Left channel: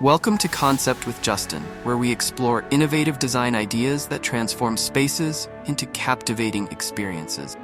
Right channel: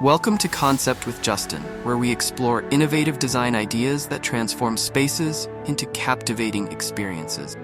Welcome to Concept with Justin, where we explore innovative design ideas that transform spaces into captivating experiences.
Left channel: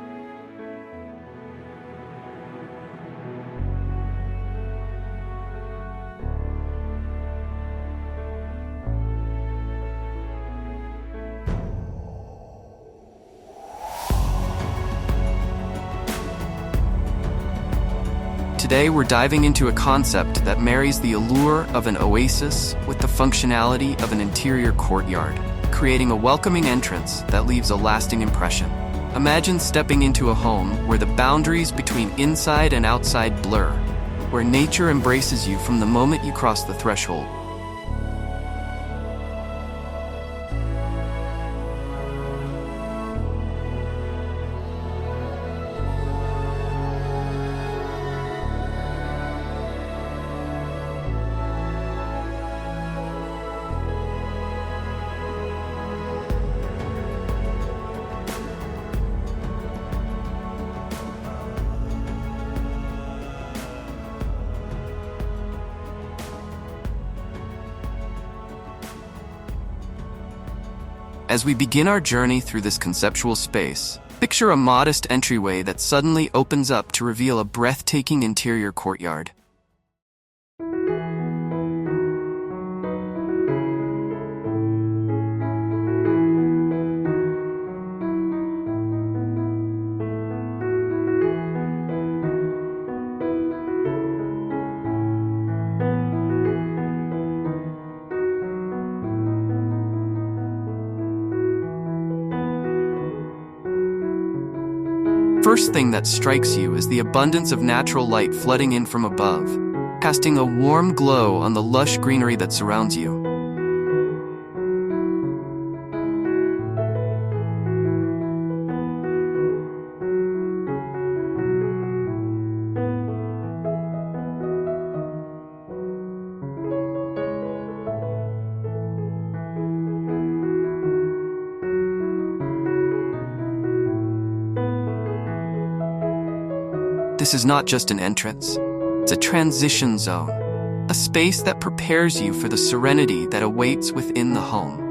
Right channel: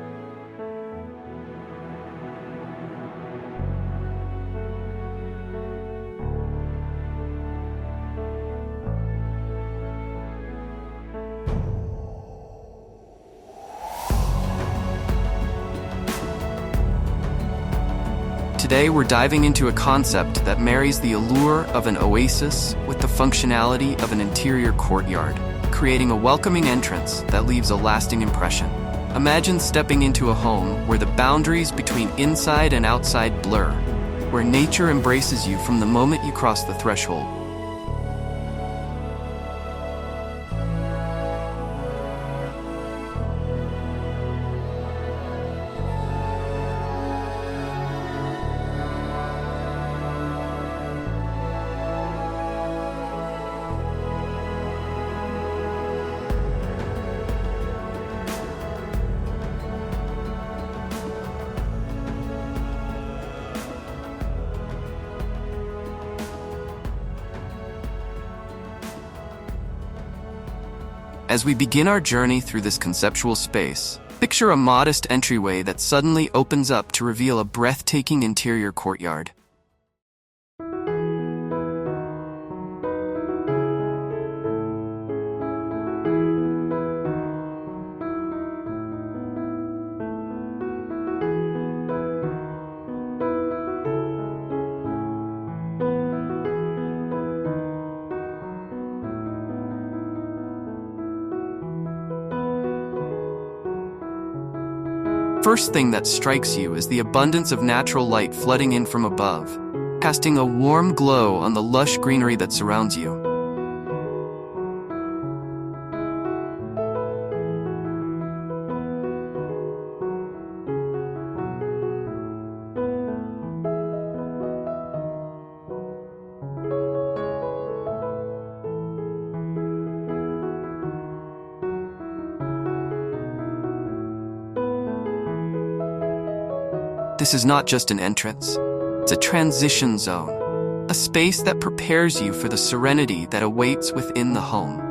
Today, we're diving into a concept that marries the allure of an oasis with the functionality of an interior courtyard, creating a welcoming entrance that leaves a lasting impression. Imagine stepping into a home where the boundaries between inside and outside blur, where nature embraces you from the moment you cross the threshold. As we begin our journey through this conceptual space, picture a modest entryway that suddenly opens up to reveal a breathtaking interior courtyard. First thing that strikes you is the abundance of natural light flooding in from above, casting a warm glow on the lush greenery that surrounds you. This is not just an entrance, it's a transition zone, a space that prepares you for the serenity that awaits within the home.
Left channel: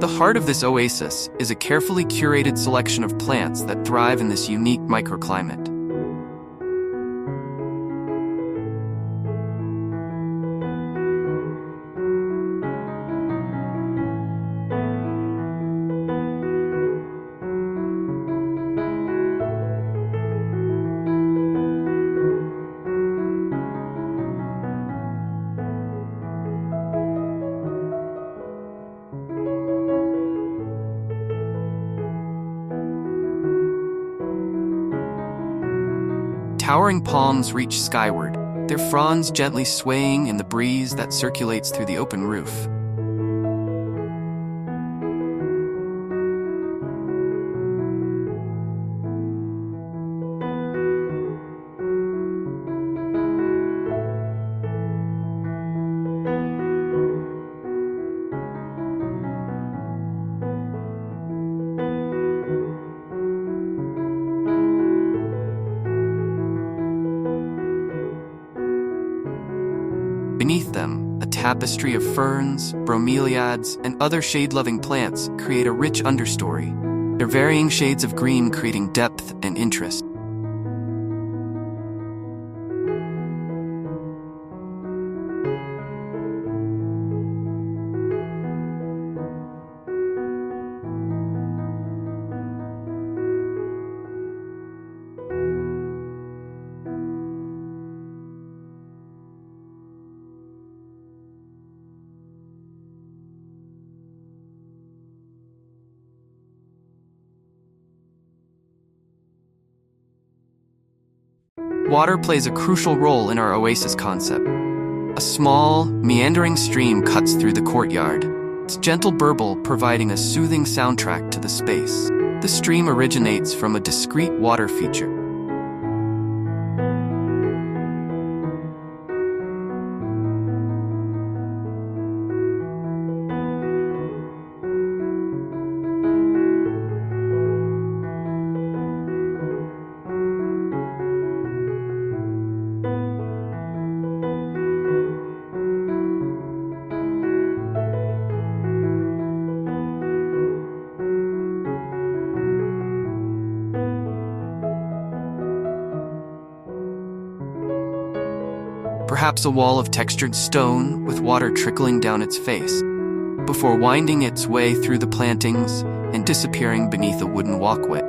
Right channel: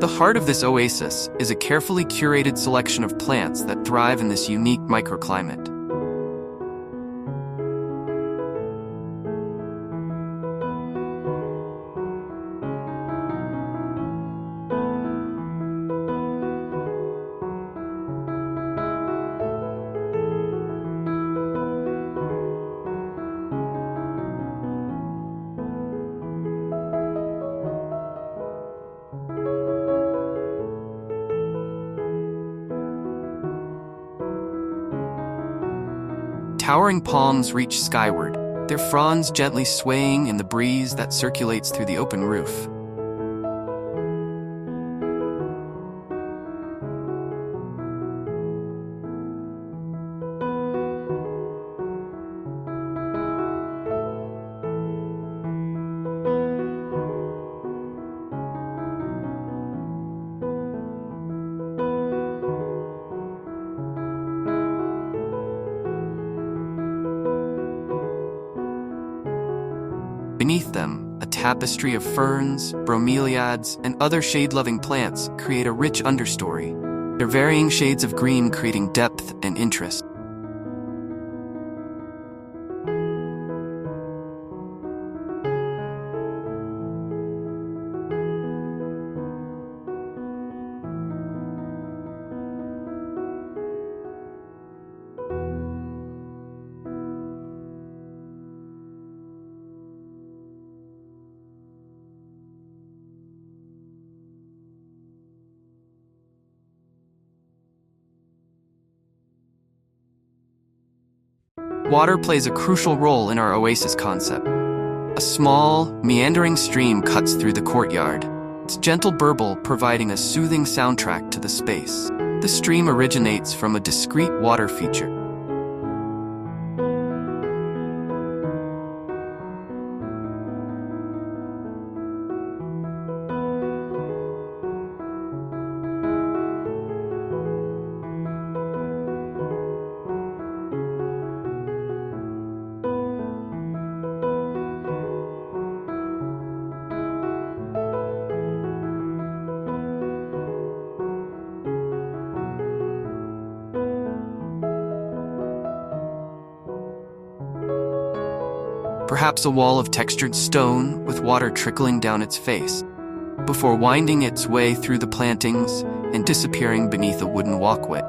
The heart of this oasis is a carefully curated selection of plants that thrive in this unique microclimate. Towering palms reach skyward, their fronds gently swaying in the breeze that circulates through the open roof. Beneath them, a tapestry of ferns, bromeliads, and other shade-loving plants create a rich understory, their varying shades of green creating depth and interest. Water plays a crucial role in our oasis concept. A small, meandering stream cuts through the courtyard, its gentle burble providing a soothing soundtrack to the space. The stream originates from a discrete water feature. Perhaps a wall of textured stone with water trickling down its face, before winding its way through the plantings and disappearing beneath a wooden walkway.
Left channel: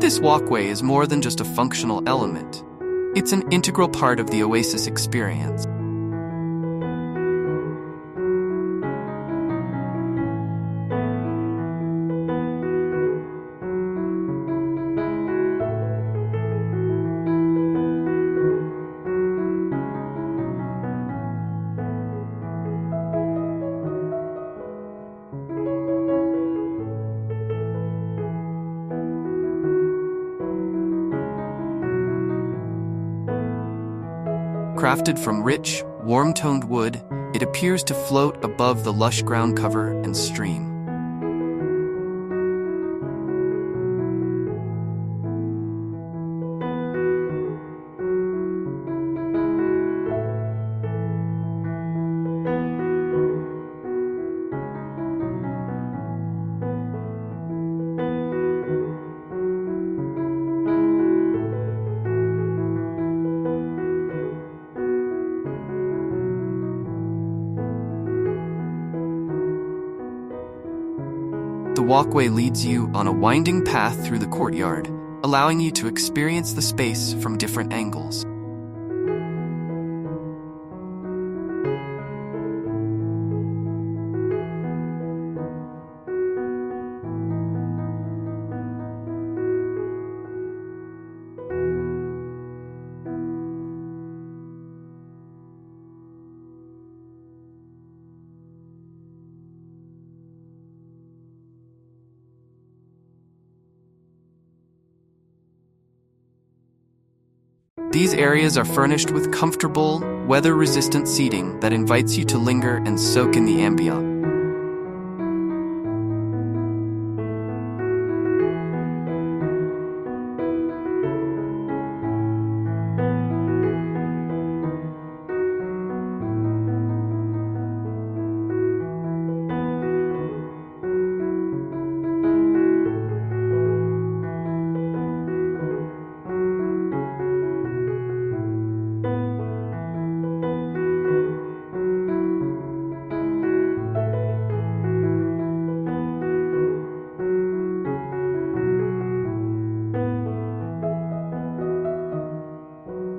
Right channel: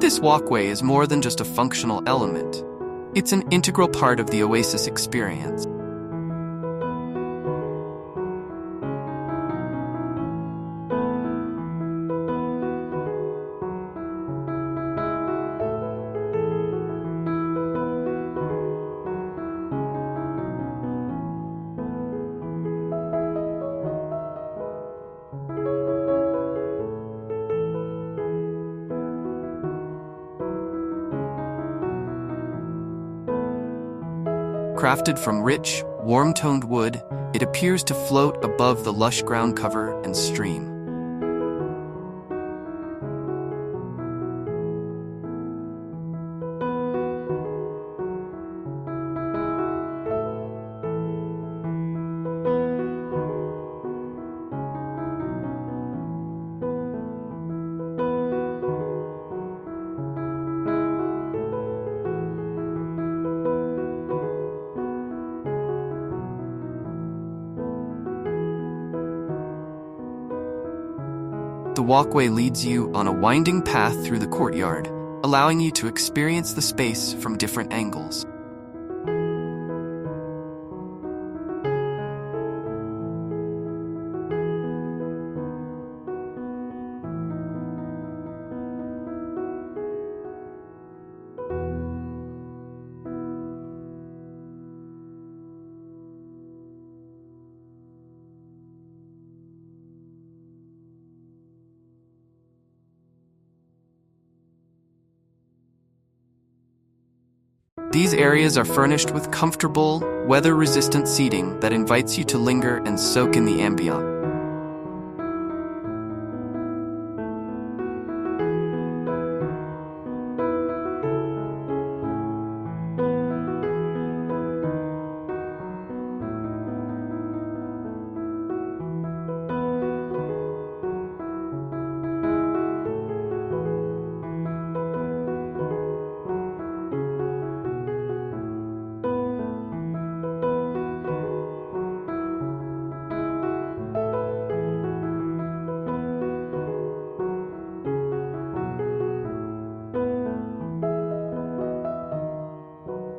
This walkway is more than just a functional element. It's an integral part of the Oasis experience. Crafted from rich, warm-toned wood, it appears to float above the lush ground cover and stream. The walkway leads you on a winding path through the courtyard, allowing you to experience the space from different angles. These areas are furnished with comfortable, weather-resistant seating that invites you to linger and soak in the ambient.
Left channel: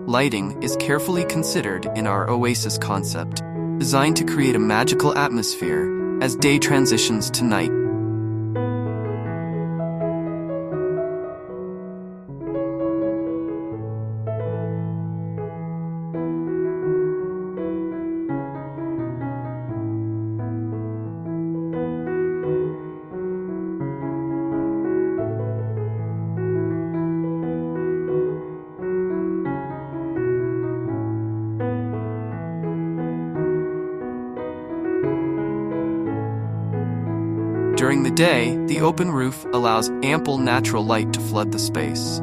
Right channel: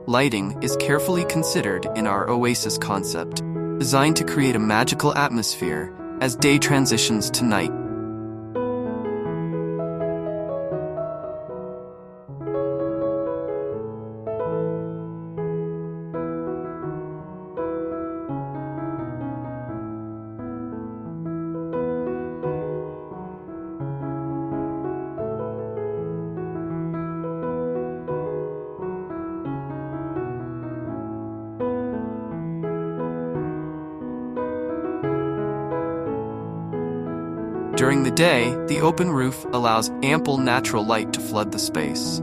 Lighting is carefully considered in our Oasis concept, designed to create a magical atmosphere as day transitions to night. During the day, the open roof allows ample natural light to flood the space.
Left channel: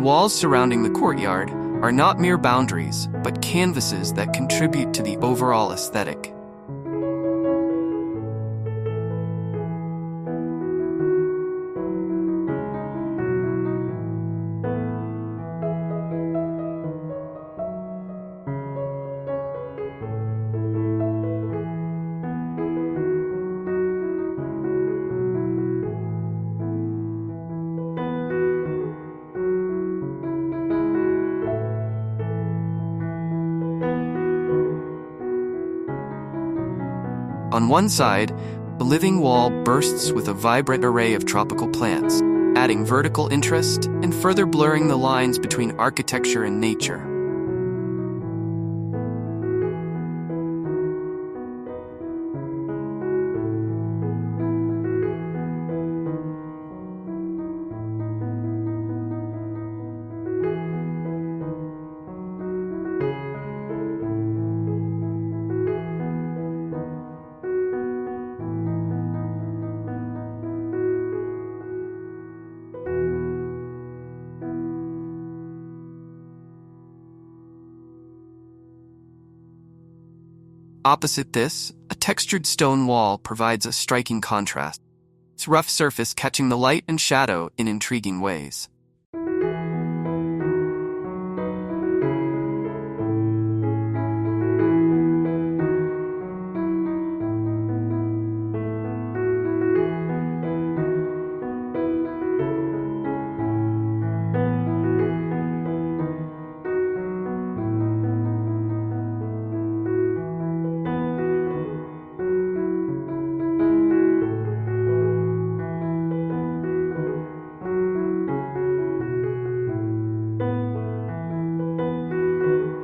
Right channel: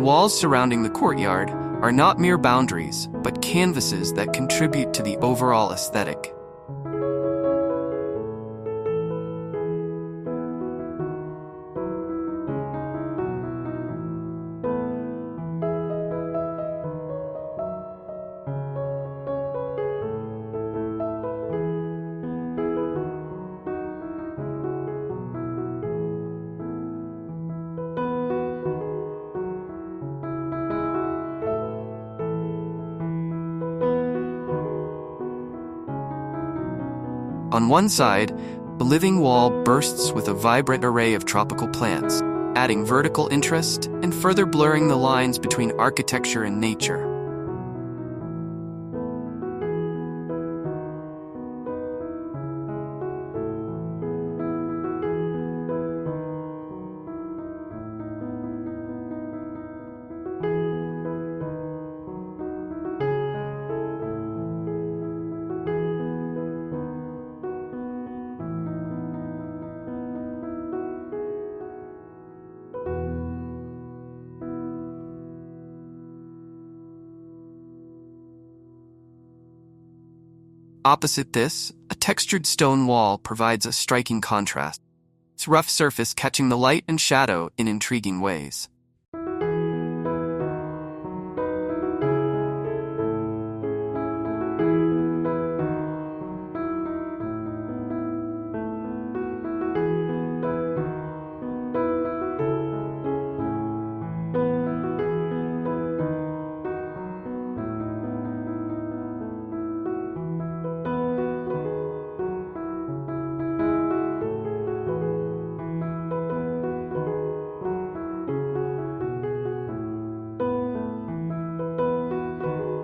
The walls surrounding the courtyard are not mere boundaries, but canvases that contribute to the overall aesthetic. On one side, the living wall bursts with a vibrant array of tropical plants, adding vertical interest and further blurring the lines between architecture and nature. Opposite this, a textured stone wall provides a striking contrast, its rough surface catching the light and shadow in intriguing ways.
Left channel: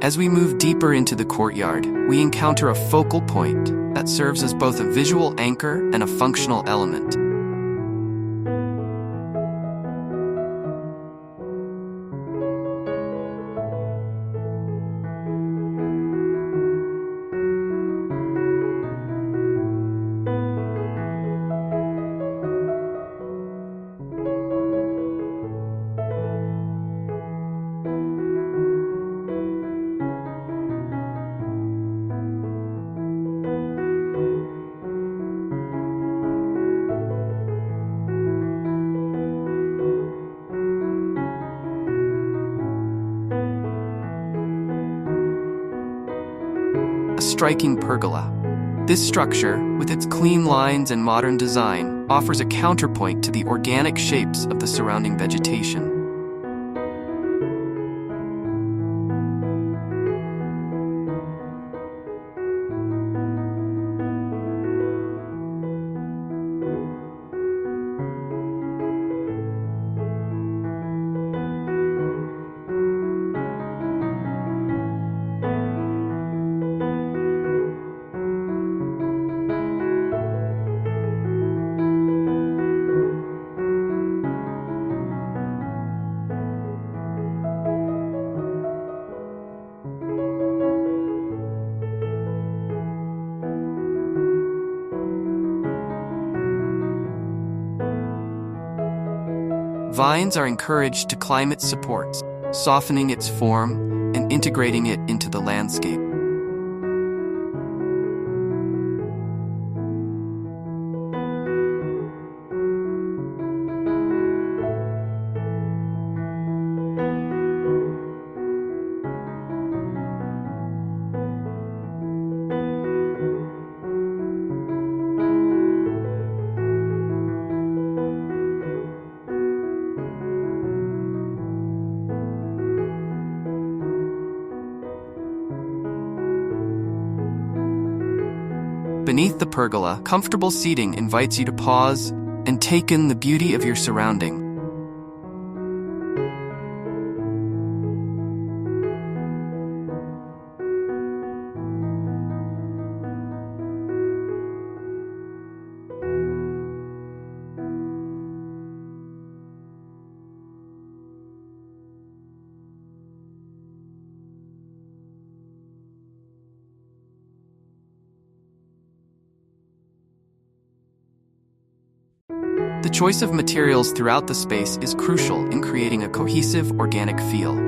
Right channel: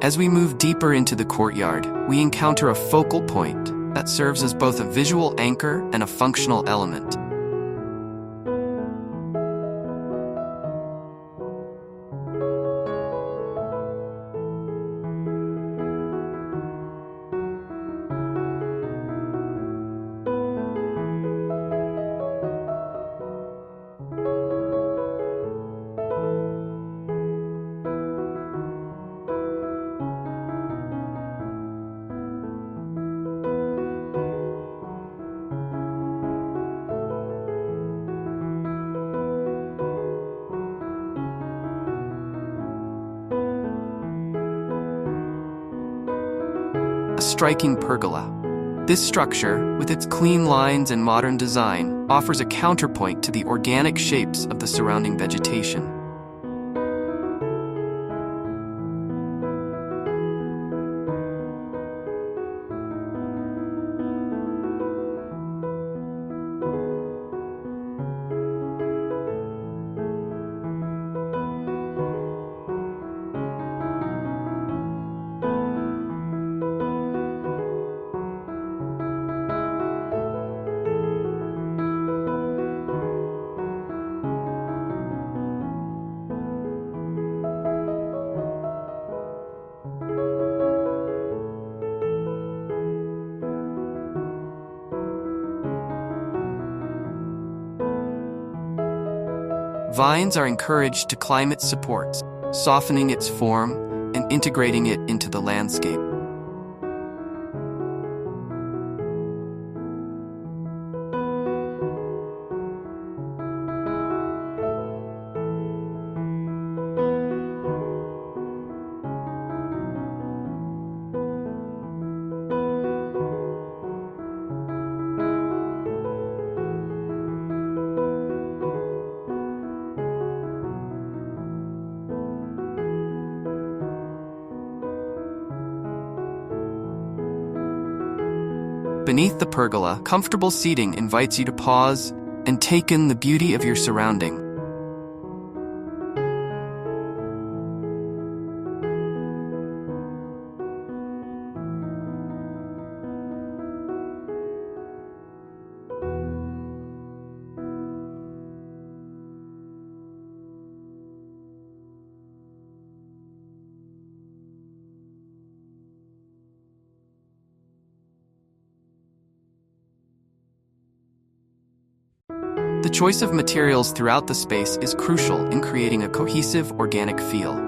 As we move deeper into the courtyard, we encounter a focal point that serves as both a visual anchor and a functional element. A striking pergola. This structure, with its clean lines and modern design, offers a counterpoint to the organic shapes of the surrounding vegetation. Vines are encouraged to climb its supports, softening its form and integrating it into the landscape. Beneath the pergola, comfortable seating invites you to pause and take in the beauty of your surrounding. The choice of materials throughout the space is crucial in creating a cohesive, organic feel.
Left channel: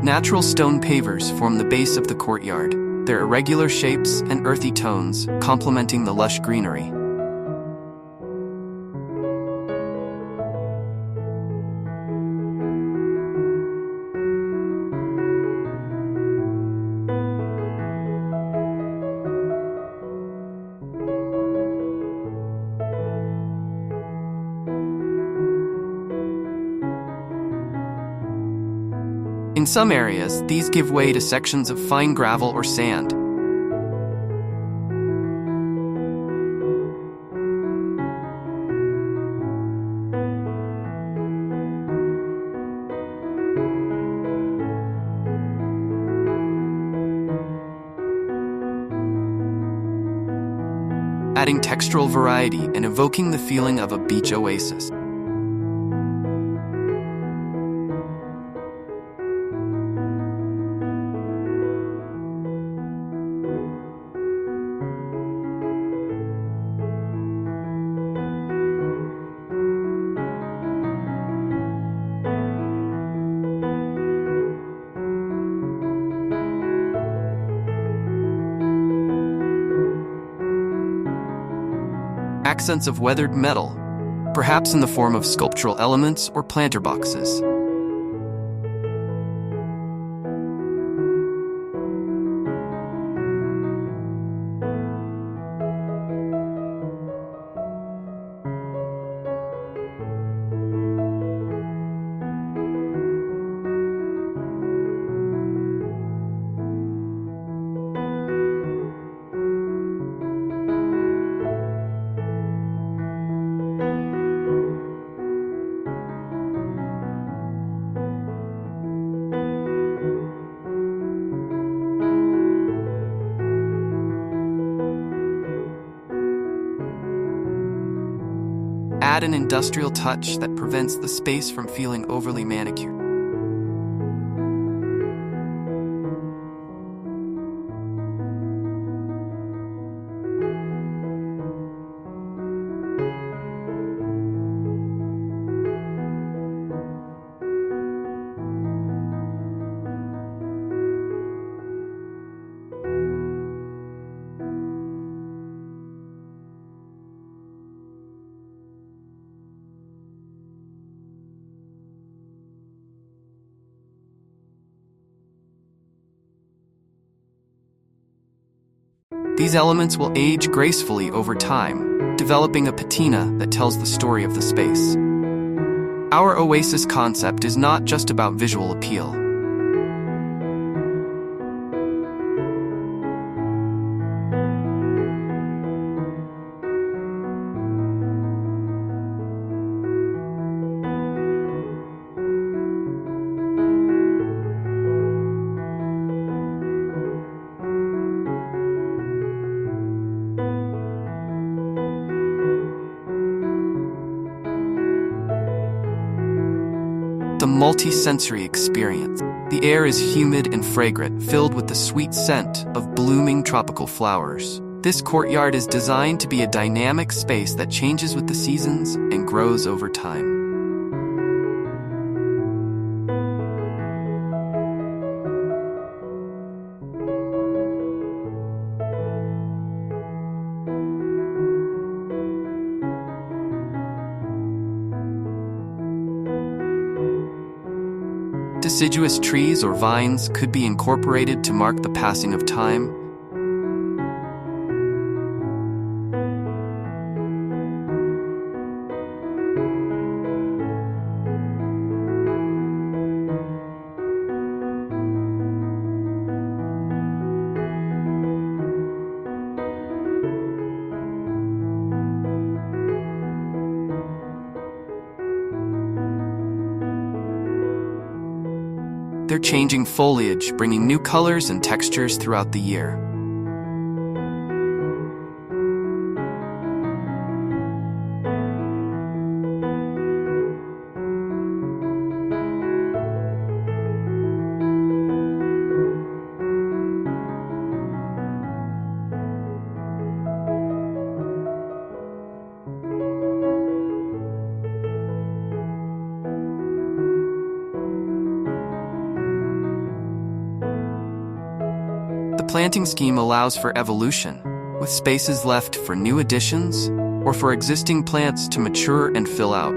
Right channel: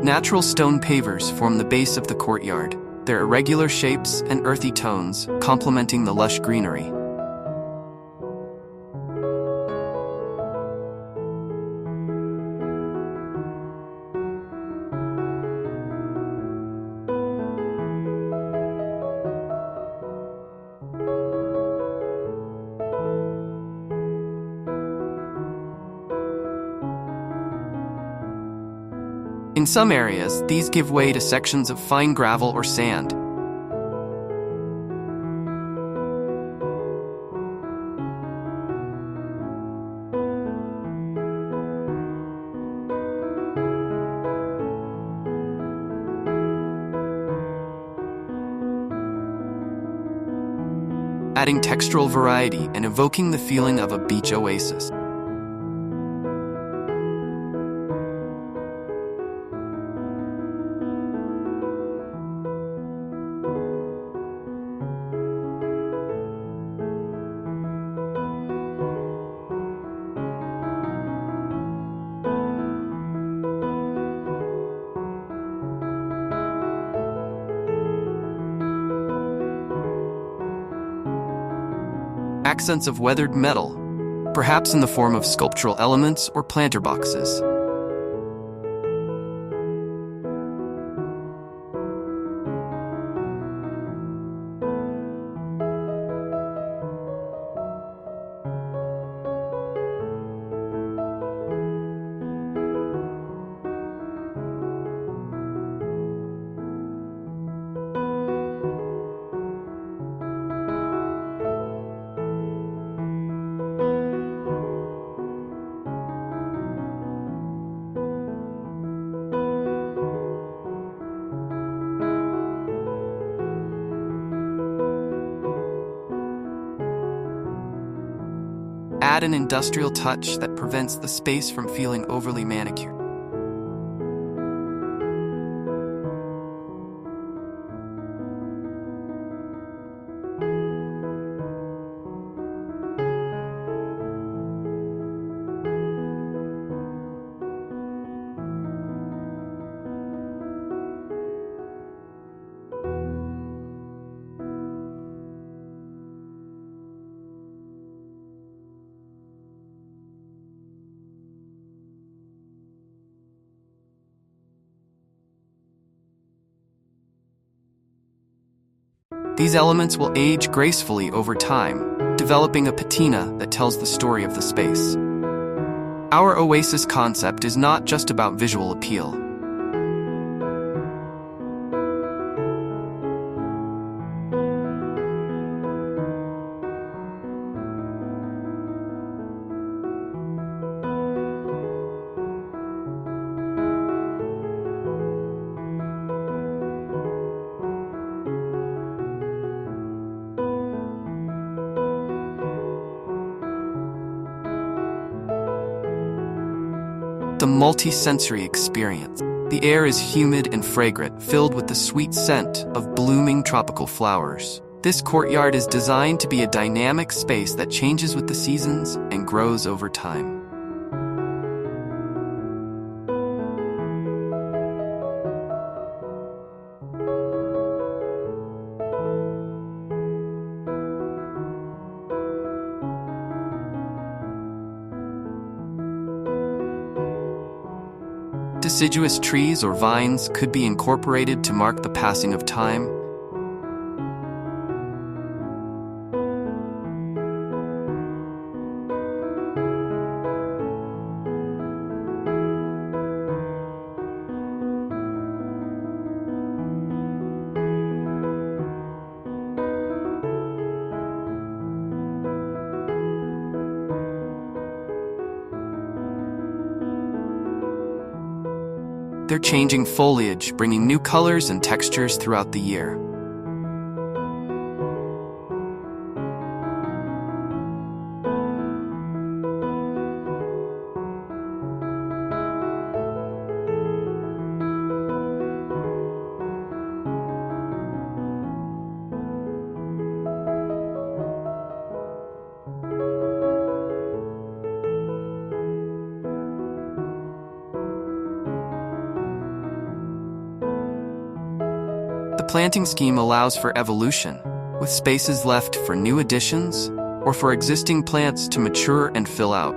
Natural stone pavers form the base of the courtyard, their irregular shapes and earthy tones complementing the lush greenery. In some areas, these give way to sections of fine gravel or sand. Adding textural variety and evoking the feeling of a beach oasis. Accents of weathered metal, perhaps in the form of sculptural elements or planter boxes. Add an industrial touch that prevents the space from feeling overly manicured. These elements will age gracefully over time, developing a patina that tells the story of the space. Our Oasis concept is not just about visual appeal. The multi-sensory experience. The air is humid and fragrant, filled with the sweet scent of blooming tropical flowers. This courtyard is designed to be a dynamic space that changes with the seasons and grows over time. Deciduous trees or vines could be incorporated to mark the passing of time. ever-changing foliage bringing new colors and textures throughout the year. The planting scheme allows for evolution, with spaces left for new additions or for existing plants to mature and fill out.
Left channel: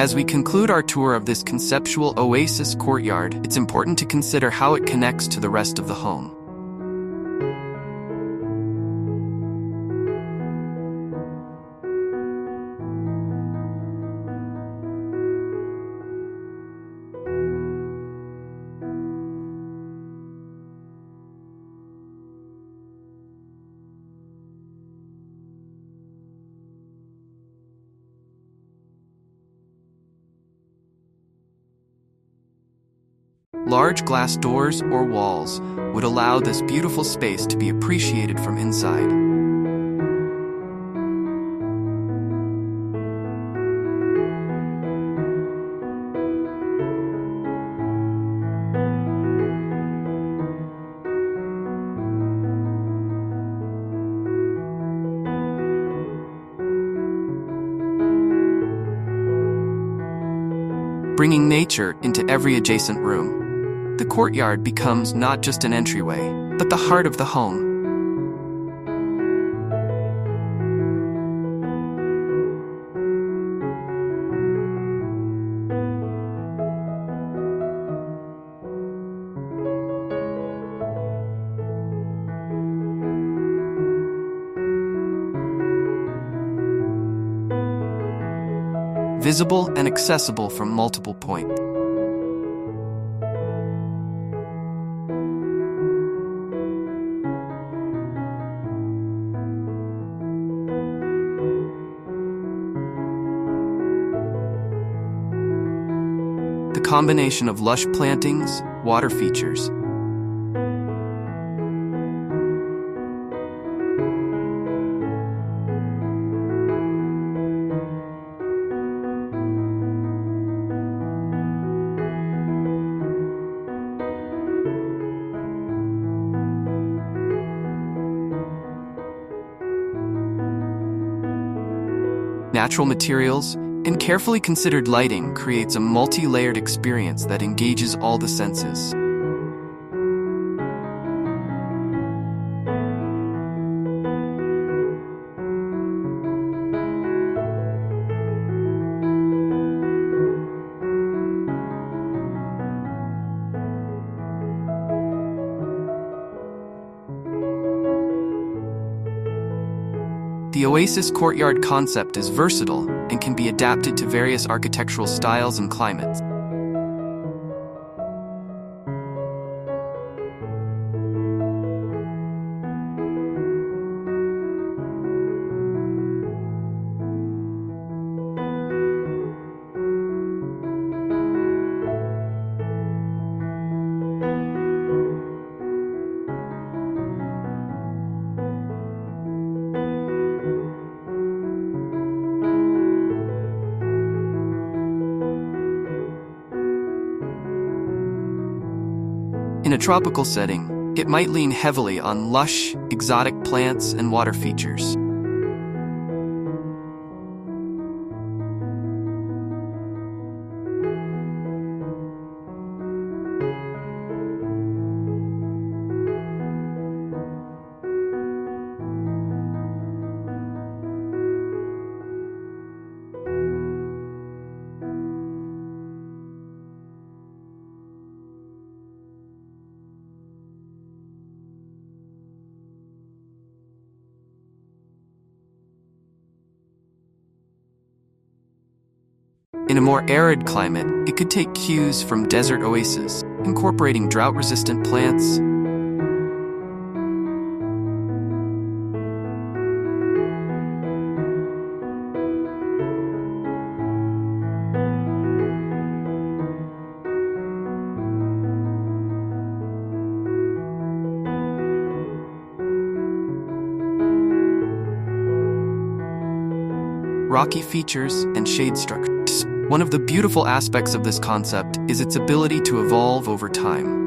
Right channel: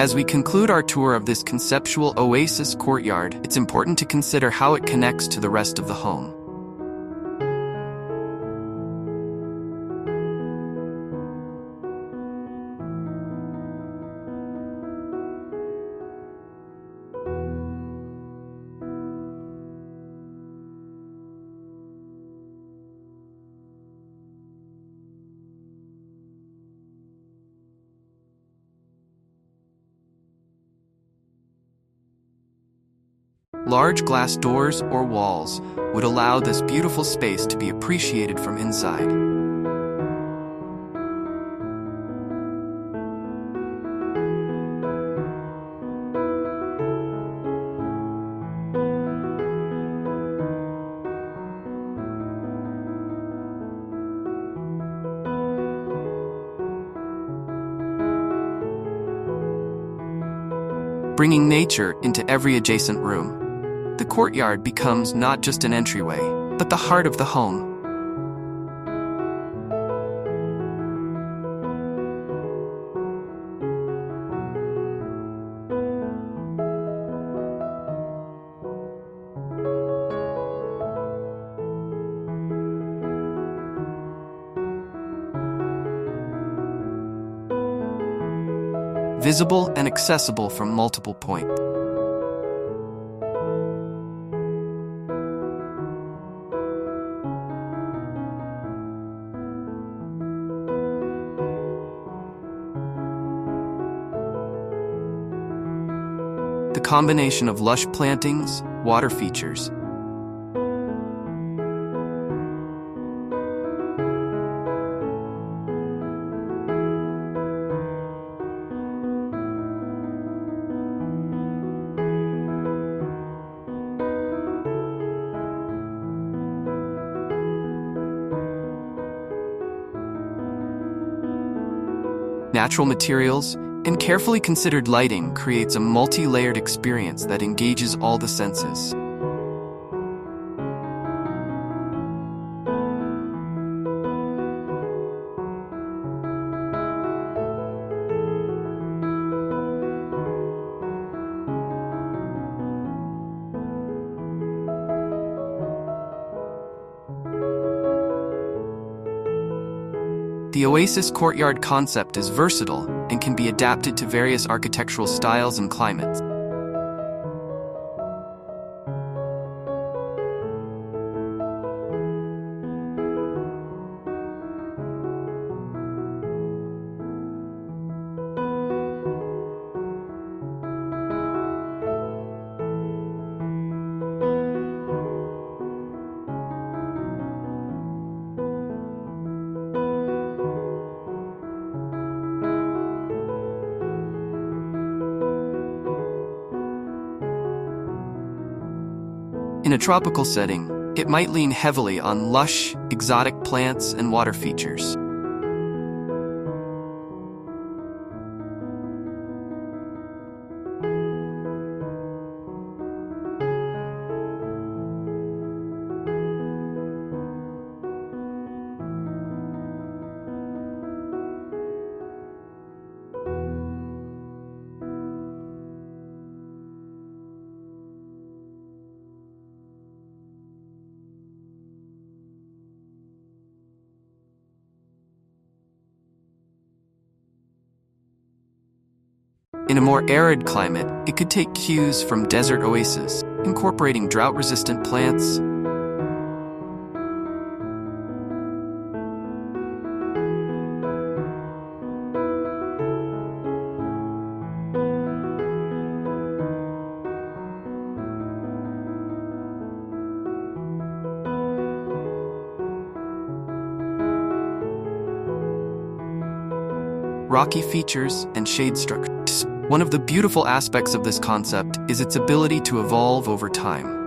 As we conclude our tour of this conceptual oasis courtyard, it's important to consider how it connects to the rest of the home. Large glass doors or walls would allow this beautiful space to be appreciated from inside. Bringing nature into every adjacent room, the courtyard becomes not just an entryway, but the heart of the home. Visible and accessible from multiple points. The combination of lush plantings, water features, natural materials, and carefully considered lighting creates a multi-layered experience that engages all the senses. The Oasis courtyard concept is versatile and can be adapted to various architectural styles and climates. In a tropical setting, it might lean heavily on lush, exotic plants and water features. a more arid climate, it could take cues from desert oases, incorporating drought-resistant plants. Rocky features and shade structures. One of the beautiful aspects of this concept is its ability to evolve over time.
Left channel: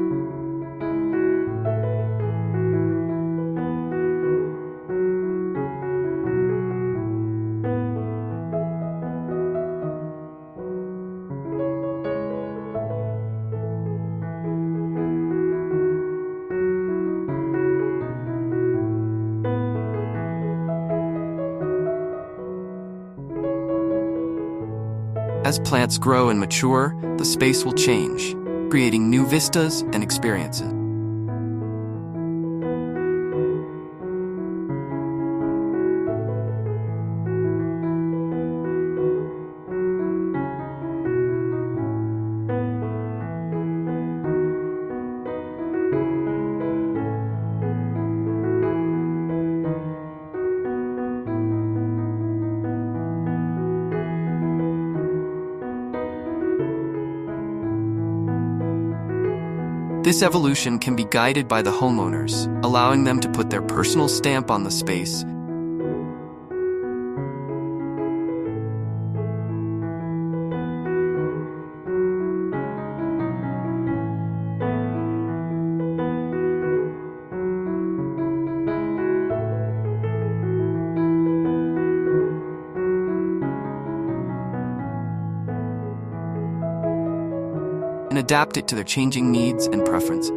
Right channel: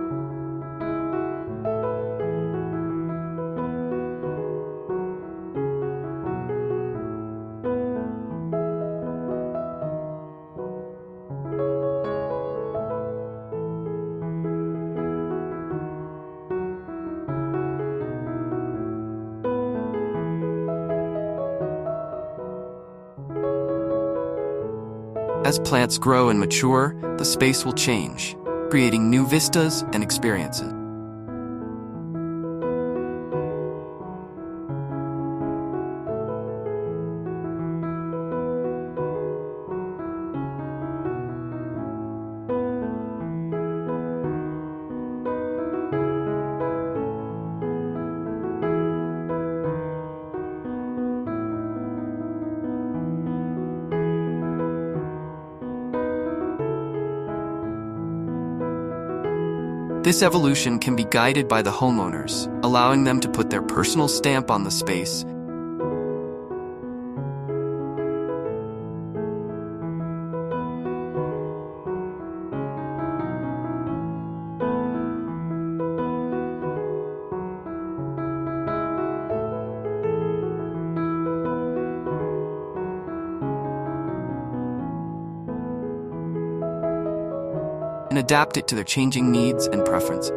As plants grow and mature, the space will change, creating new vistas and experiences. This evolution can be guided by the homeowners, allowing them to put their personal stamp on the space. And adapt it to their changing needs and preferences.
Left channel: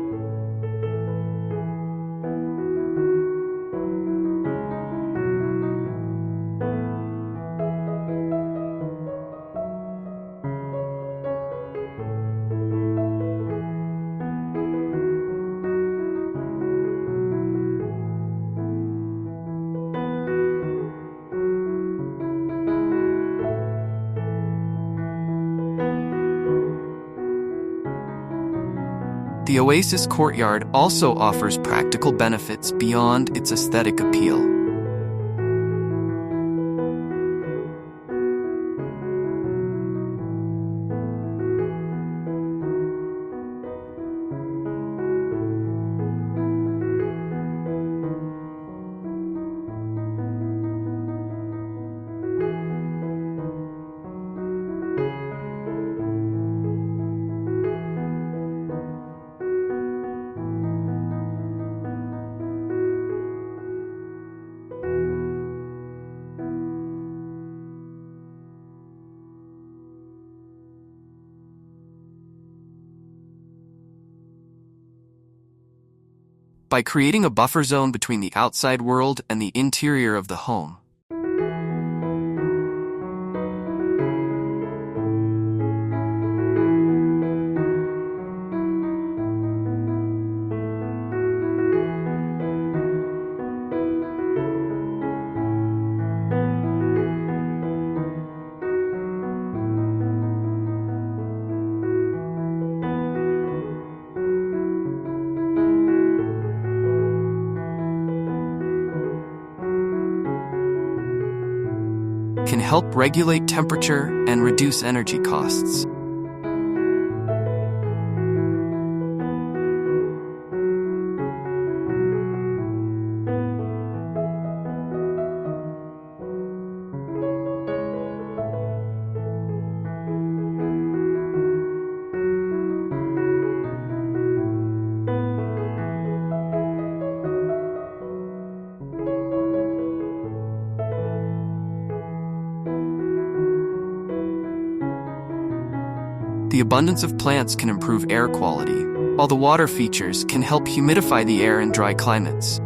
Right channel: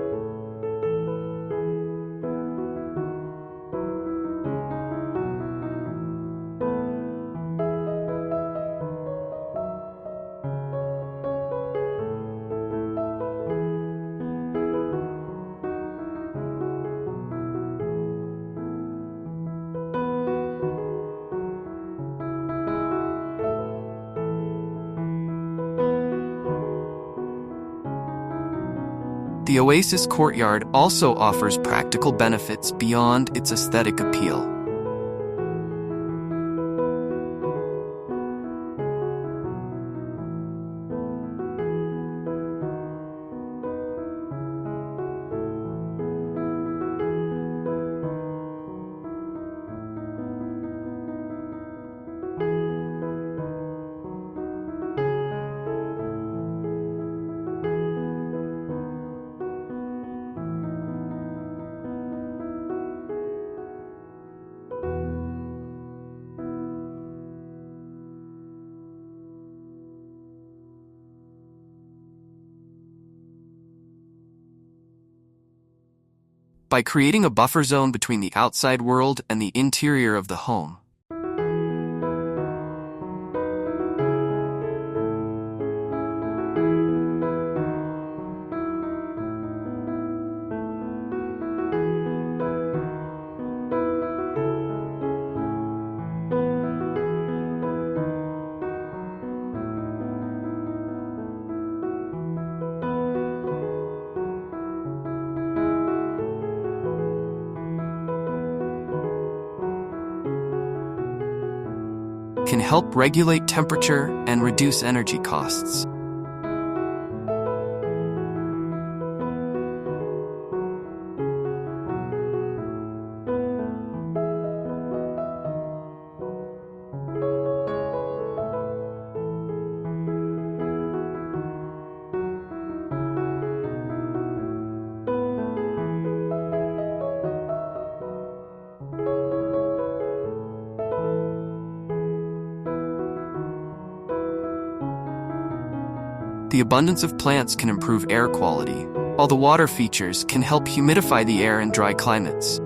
The Oasis courtyard also offers practical benefits beyond its aesthetic appeal. By creating a buffer zone between the outside world and the interior of the home. Can help regulate temperature and reduce energy costs. The abundance of plants can improve air quality, while the water features can help humidify the air in dry climates.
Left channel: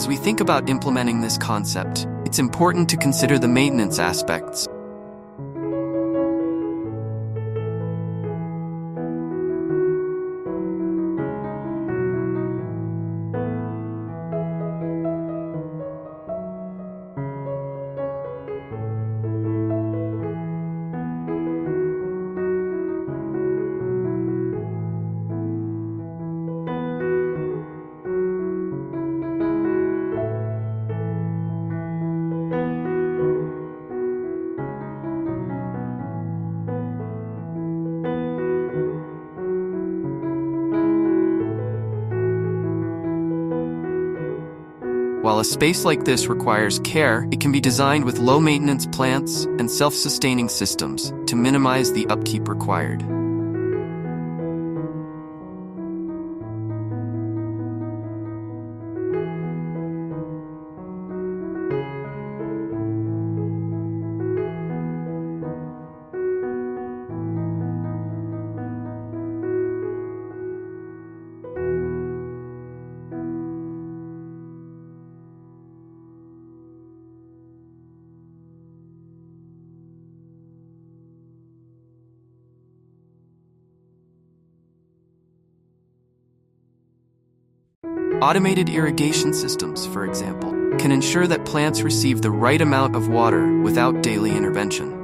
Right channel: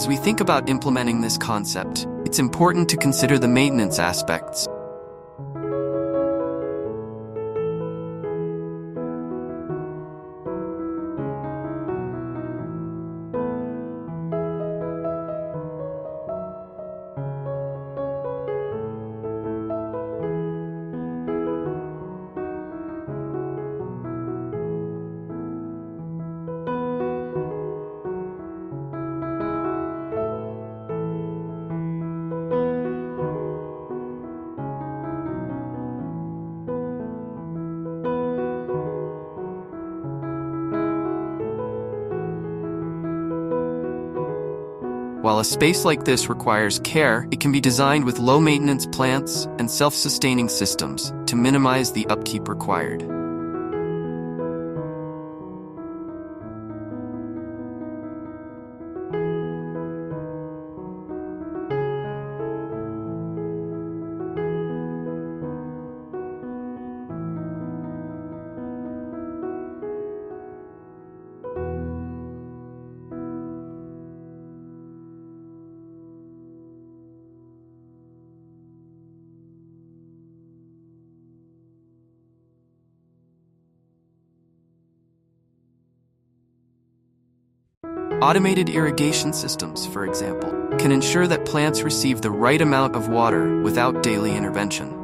As we think about implementing this concept, it's important to consider the maintenance aspects. While a space like this requires care, it can be designed with low-maintenance plants and self-sustaining systems to minimize the upkeep required. Automated irrigation systems, for example, can ensure that plants receive the right amount of water without daily intervention.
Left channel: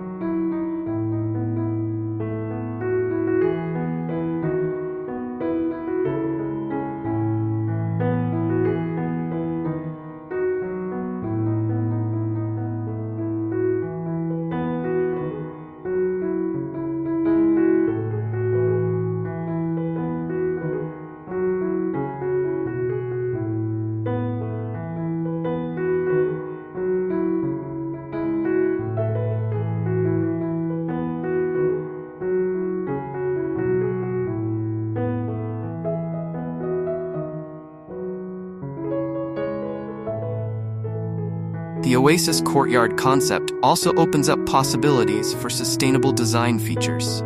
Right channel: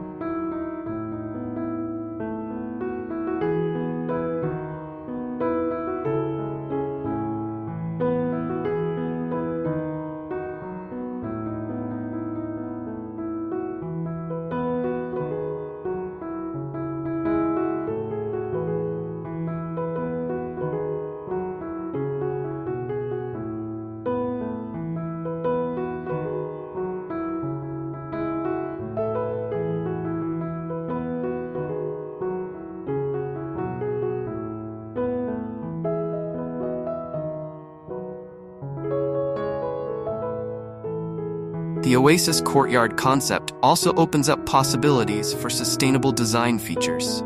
The Oasis courtyard concept also opens up possibilities for sustainable design features.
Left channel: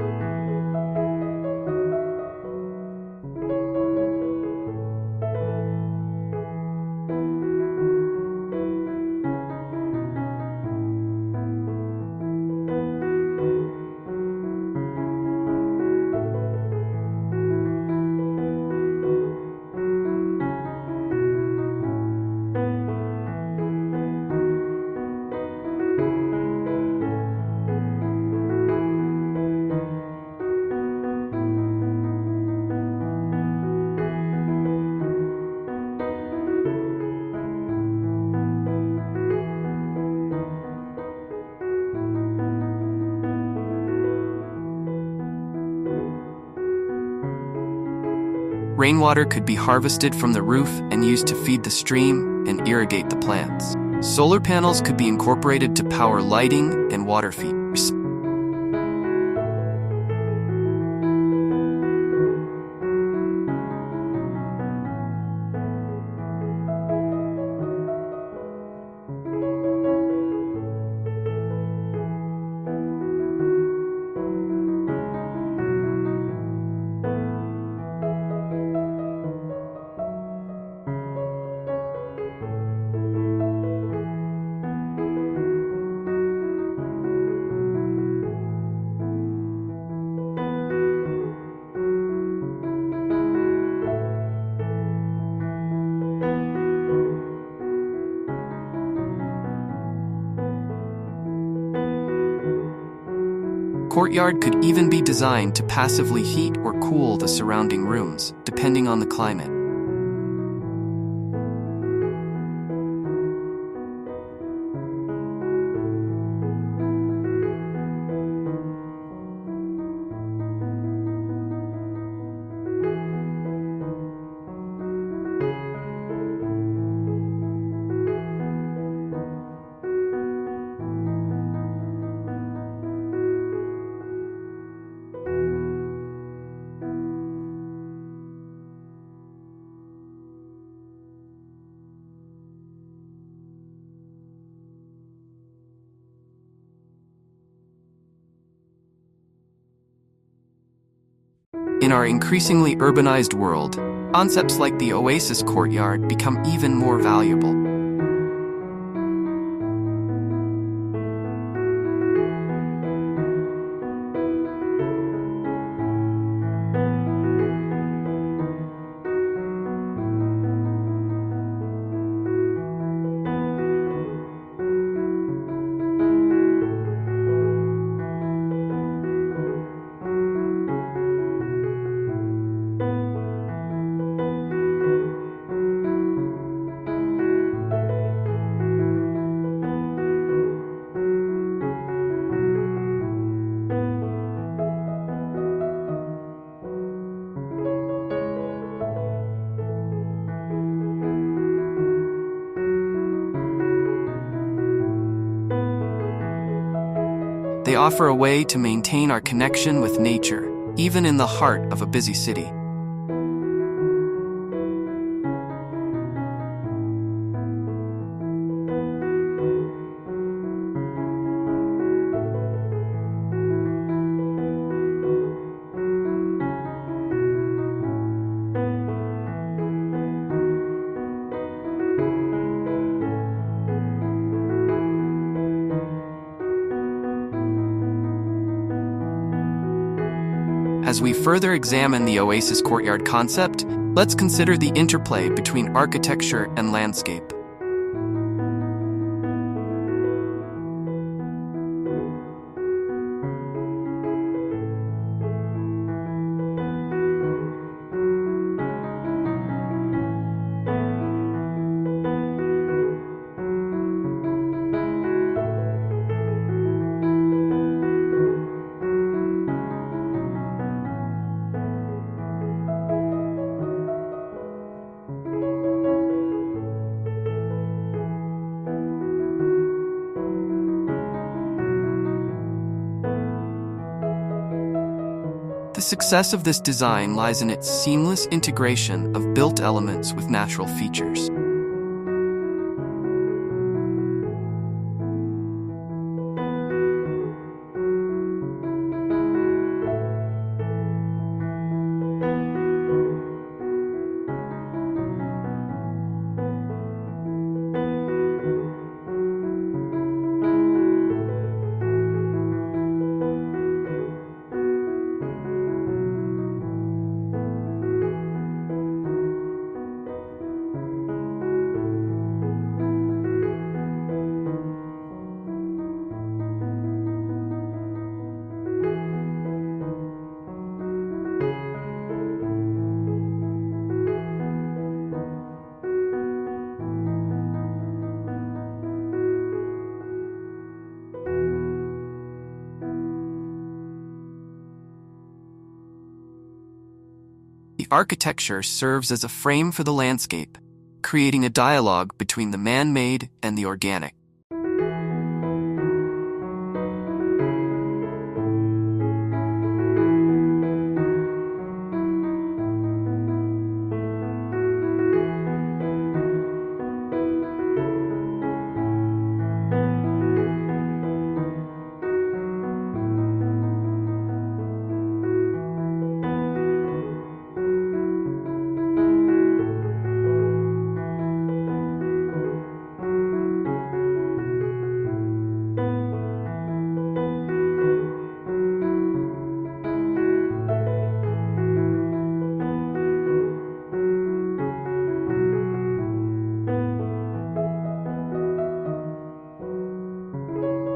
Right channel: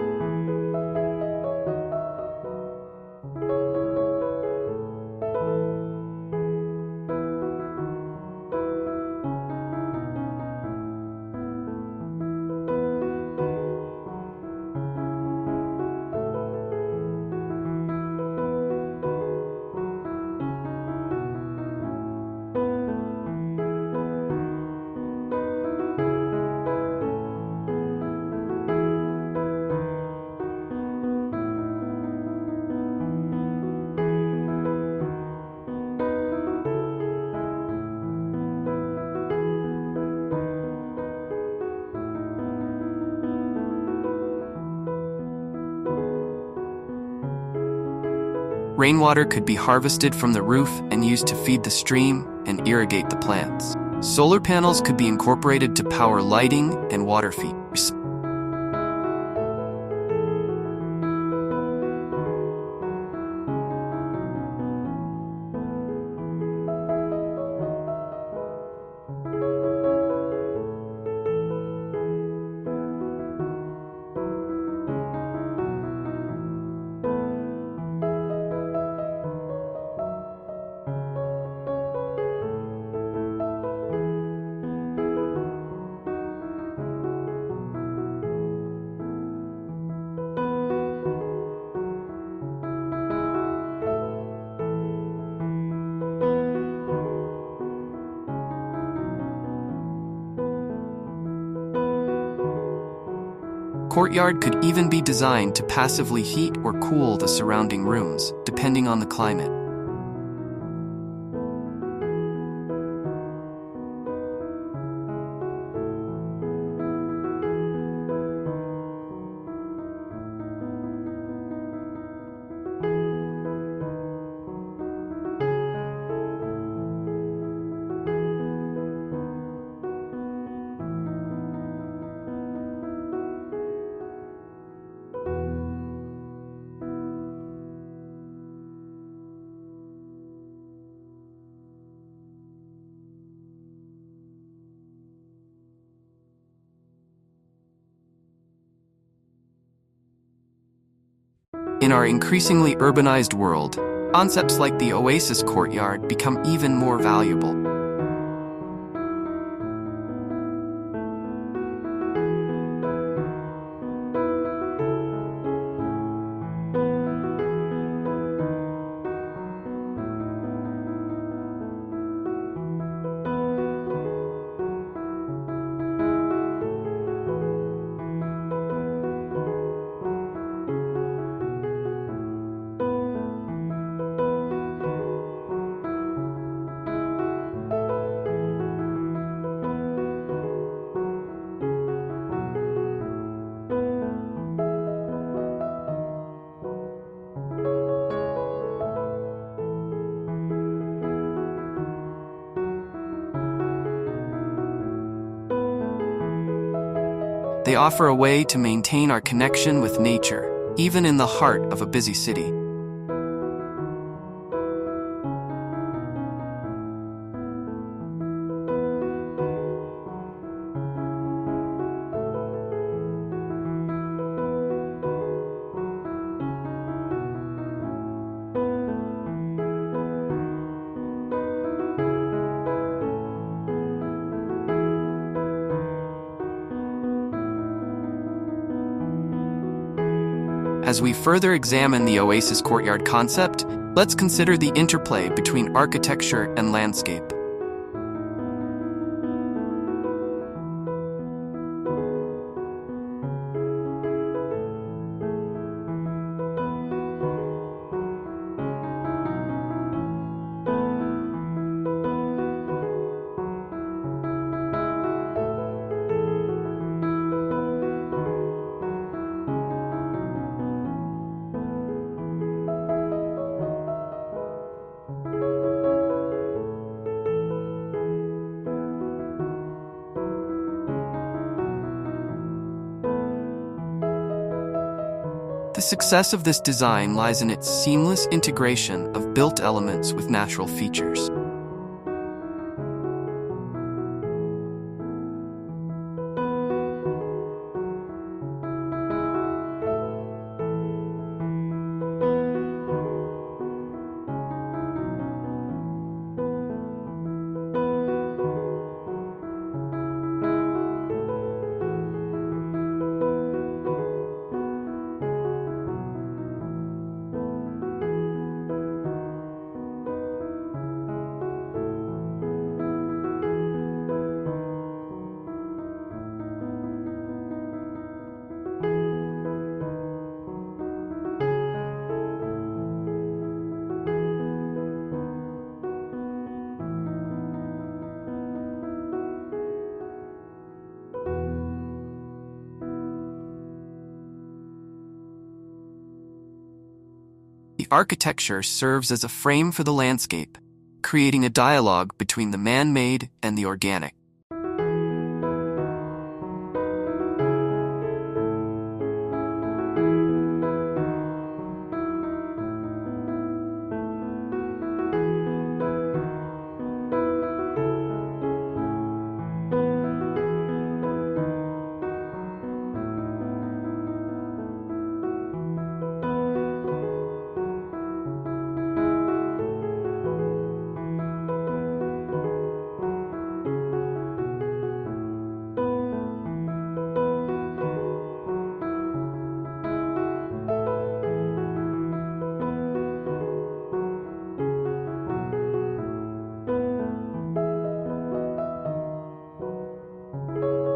Rainwater could be harvested from the roof and used to feed the stream and irrigate the plants. Solar panels could be incorporated to power lighting and water features. Courtyard could even be designed to passively heat or cool the surrounding rooms, depending on the climate. In our increasingly urbanized world, Concepts like the Oasis courtyard become even more valuable. They offer a way to maintain our connection with nature, even in the heart of a busy city. As we further examine the Oasis courtyard concept, let's consider the interplay between architecture and landscape. The success of this design lies in its seamless integration of built elements with natural features. The architecture serves as a frame for the landscape, creating a dialogue between the man-made and the organic.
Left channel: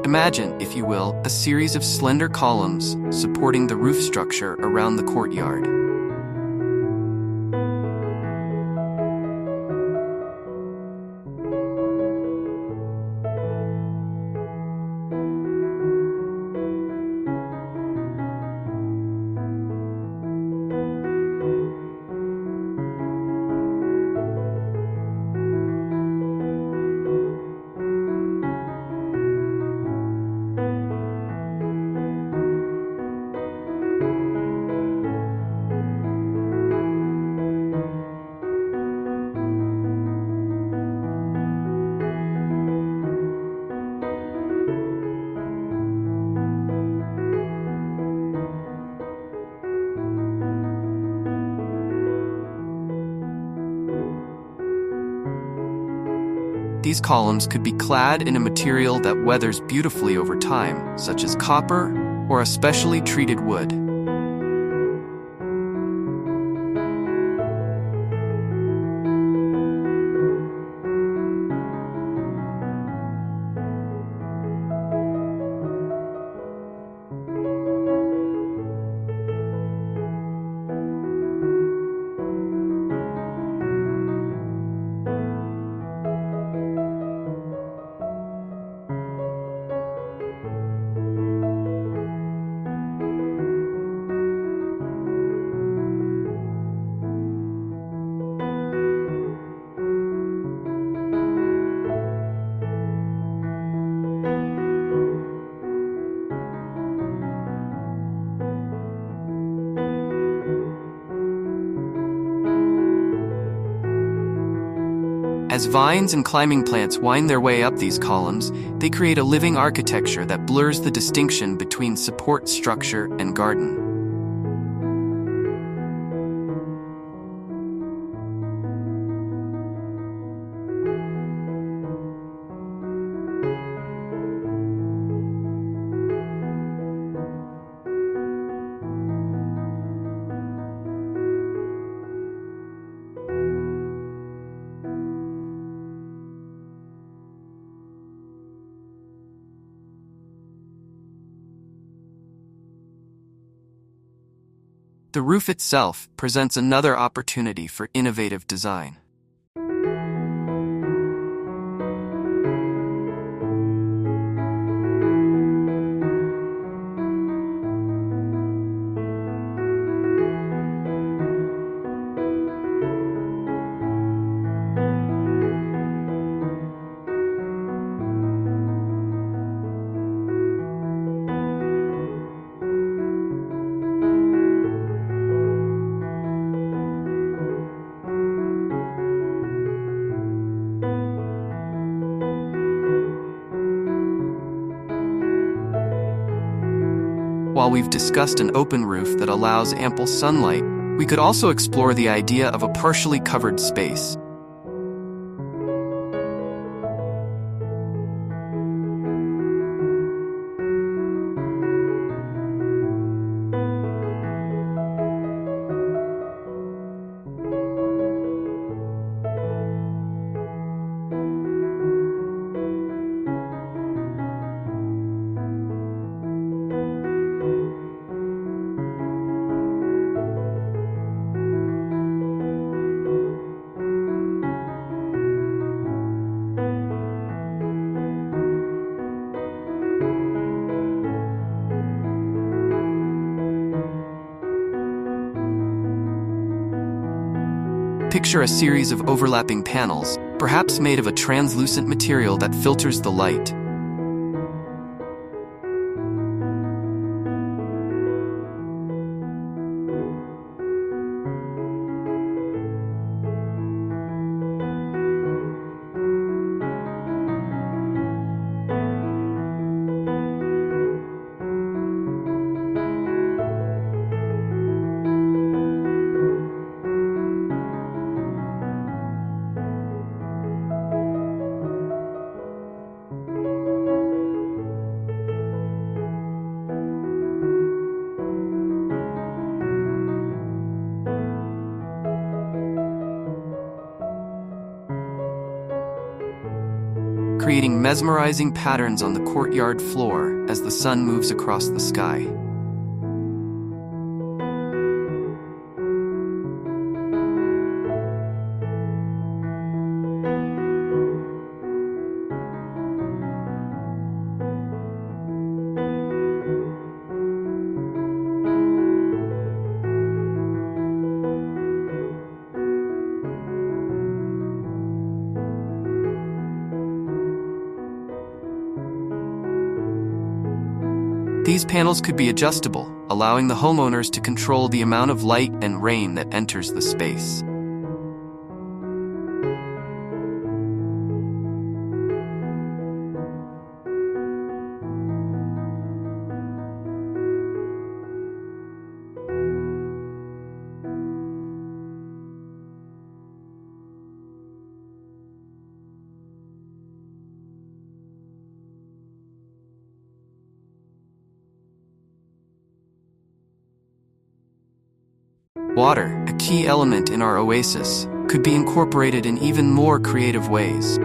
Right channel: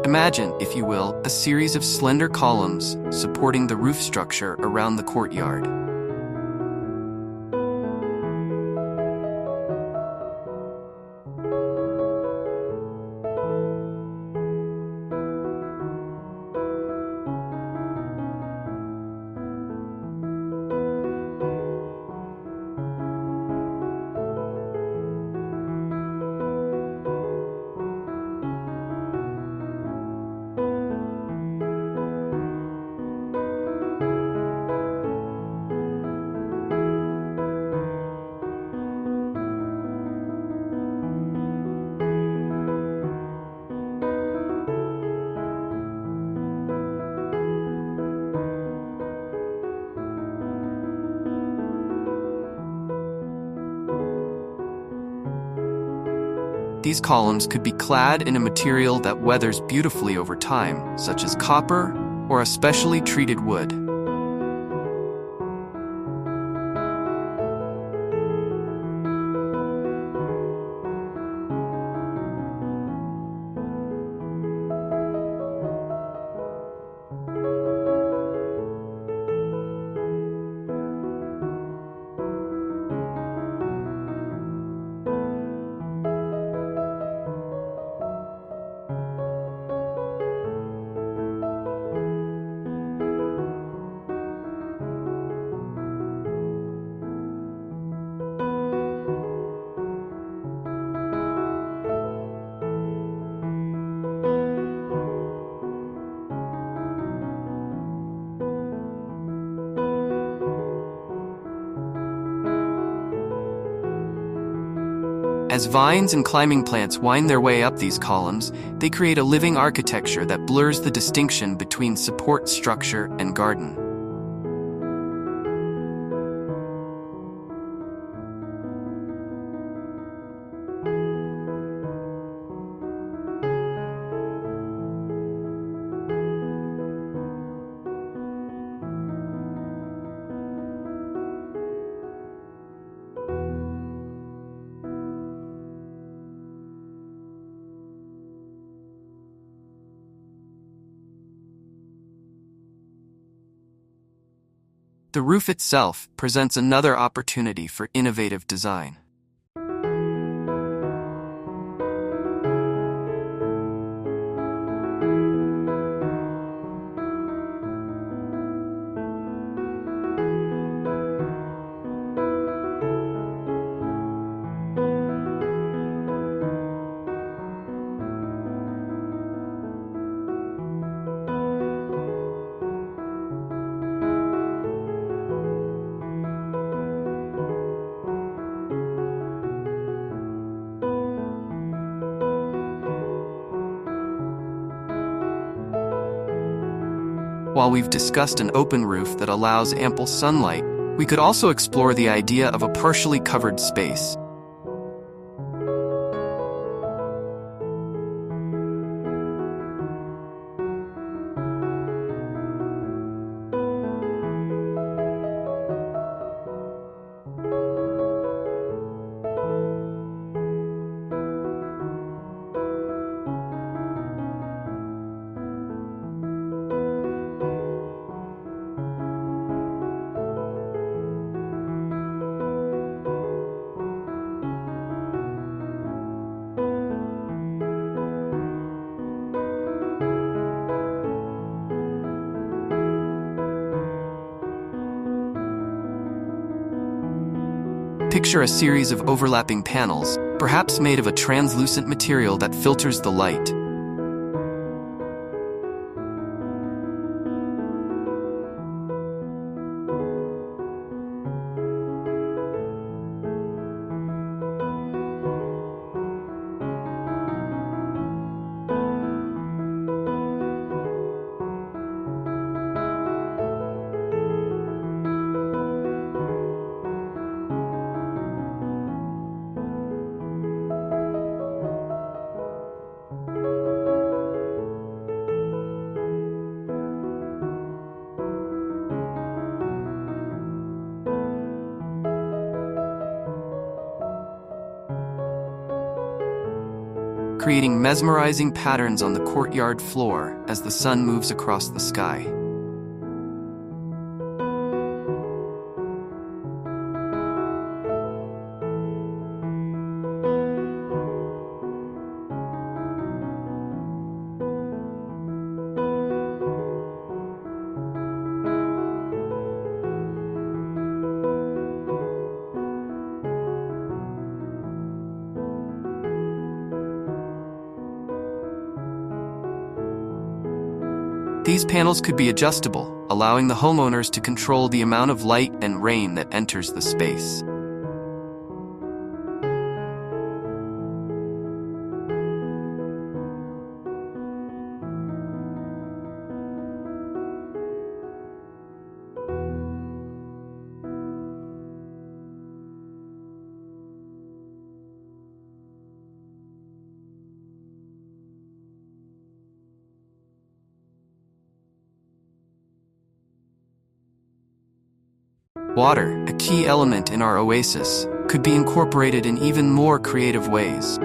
Imagine, if you will, a series of slender columns supporting the roof structure around the courtyard. These columns could be clad in a material that weathers beautifully over time, such as copper or a specially treated wood. As vines and climbing plants wind their way up these columns, they create a living architecture that blurs the distinction between support structure and garden. The roof itself presents another opportunity for innovative design. While we've discussed an open roof that allows ample sunlight, we could also explore the idea of a partially covered space. Picture a series of overlapping panels, perhaps made of a translucent material that filters the light. Creating mesmerizing patterns on the courtyard floor as the sun moves across the sky. These panels could be adjustable, allowing the homeowners to control the amount of light and rain that enters the space. Water, a key element in our oasis, could be incorporated in even more creative ways.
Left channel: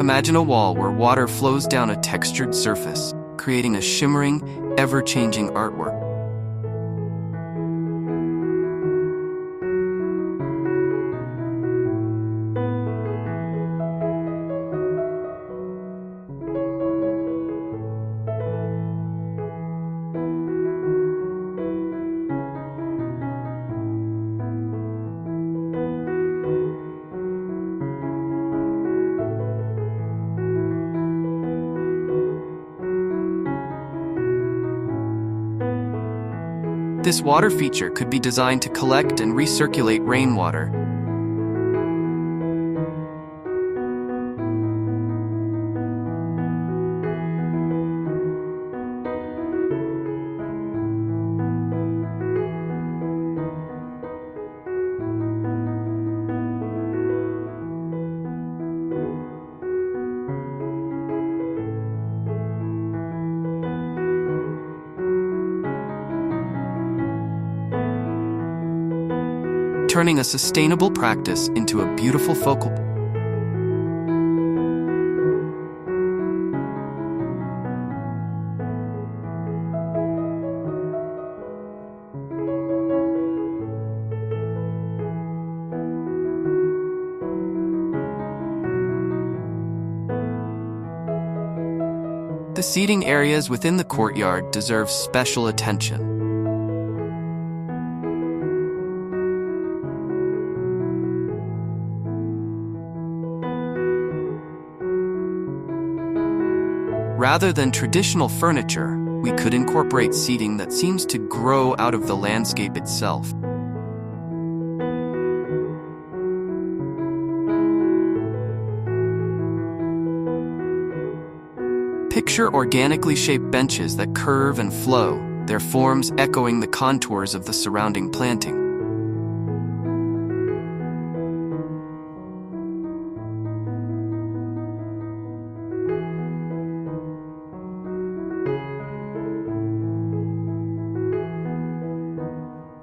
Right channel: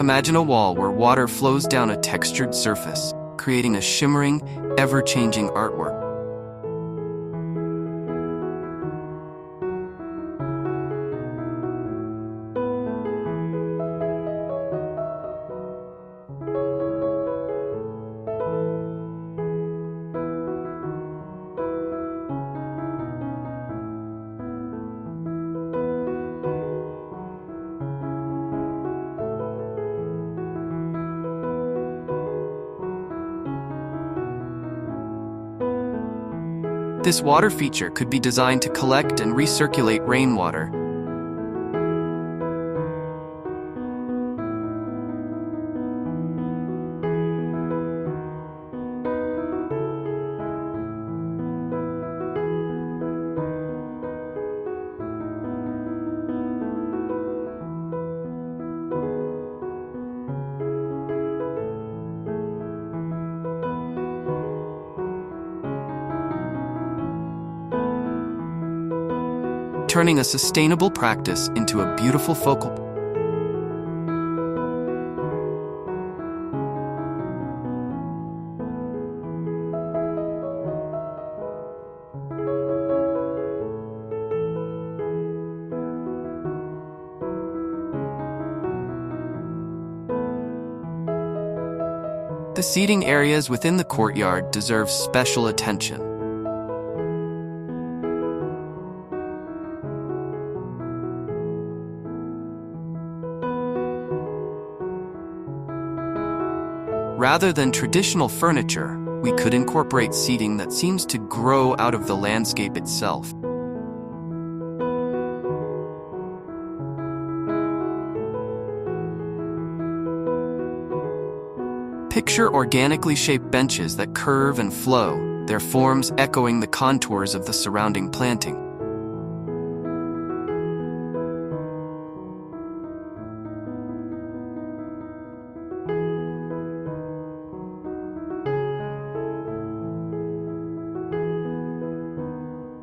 Imagine a wall where water flows down a textured surface, creating a shimmering, ever-changing artwork. This water feature could be designed to collect and recirculate rainwater. Turning a sustainable practice into a beautiful focal point. The seating areas within the courtyard deserve special attention. Rather than traditional furniture, we could incorporate seating that seems to grow out of the landscape itself. Picture organically shaped benches that curve and flow, their forms echoing the contours of the surrounding planting.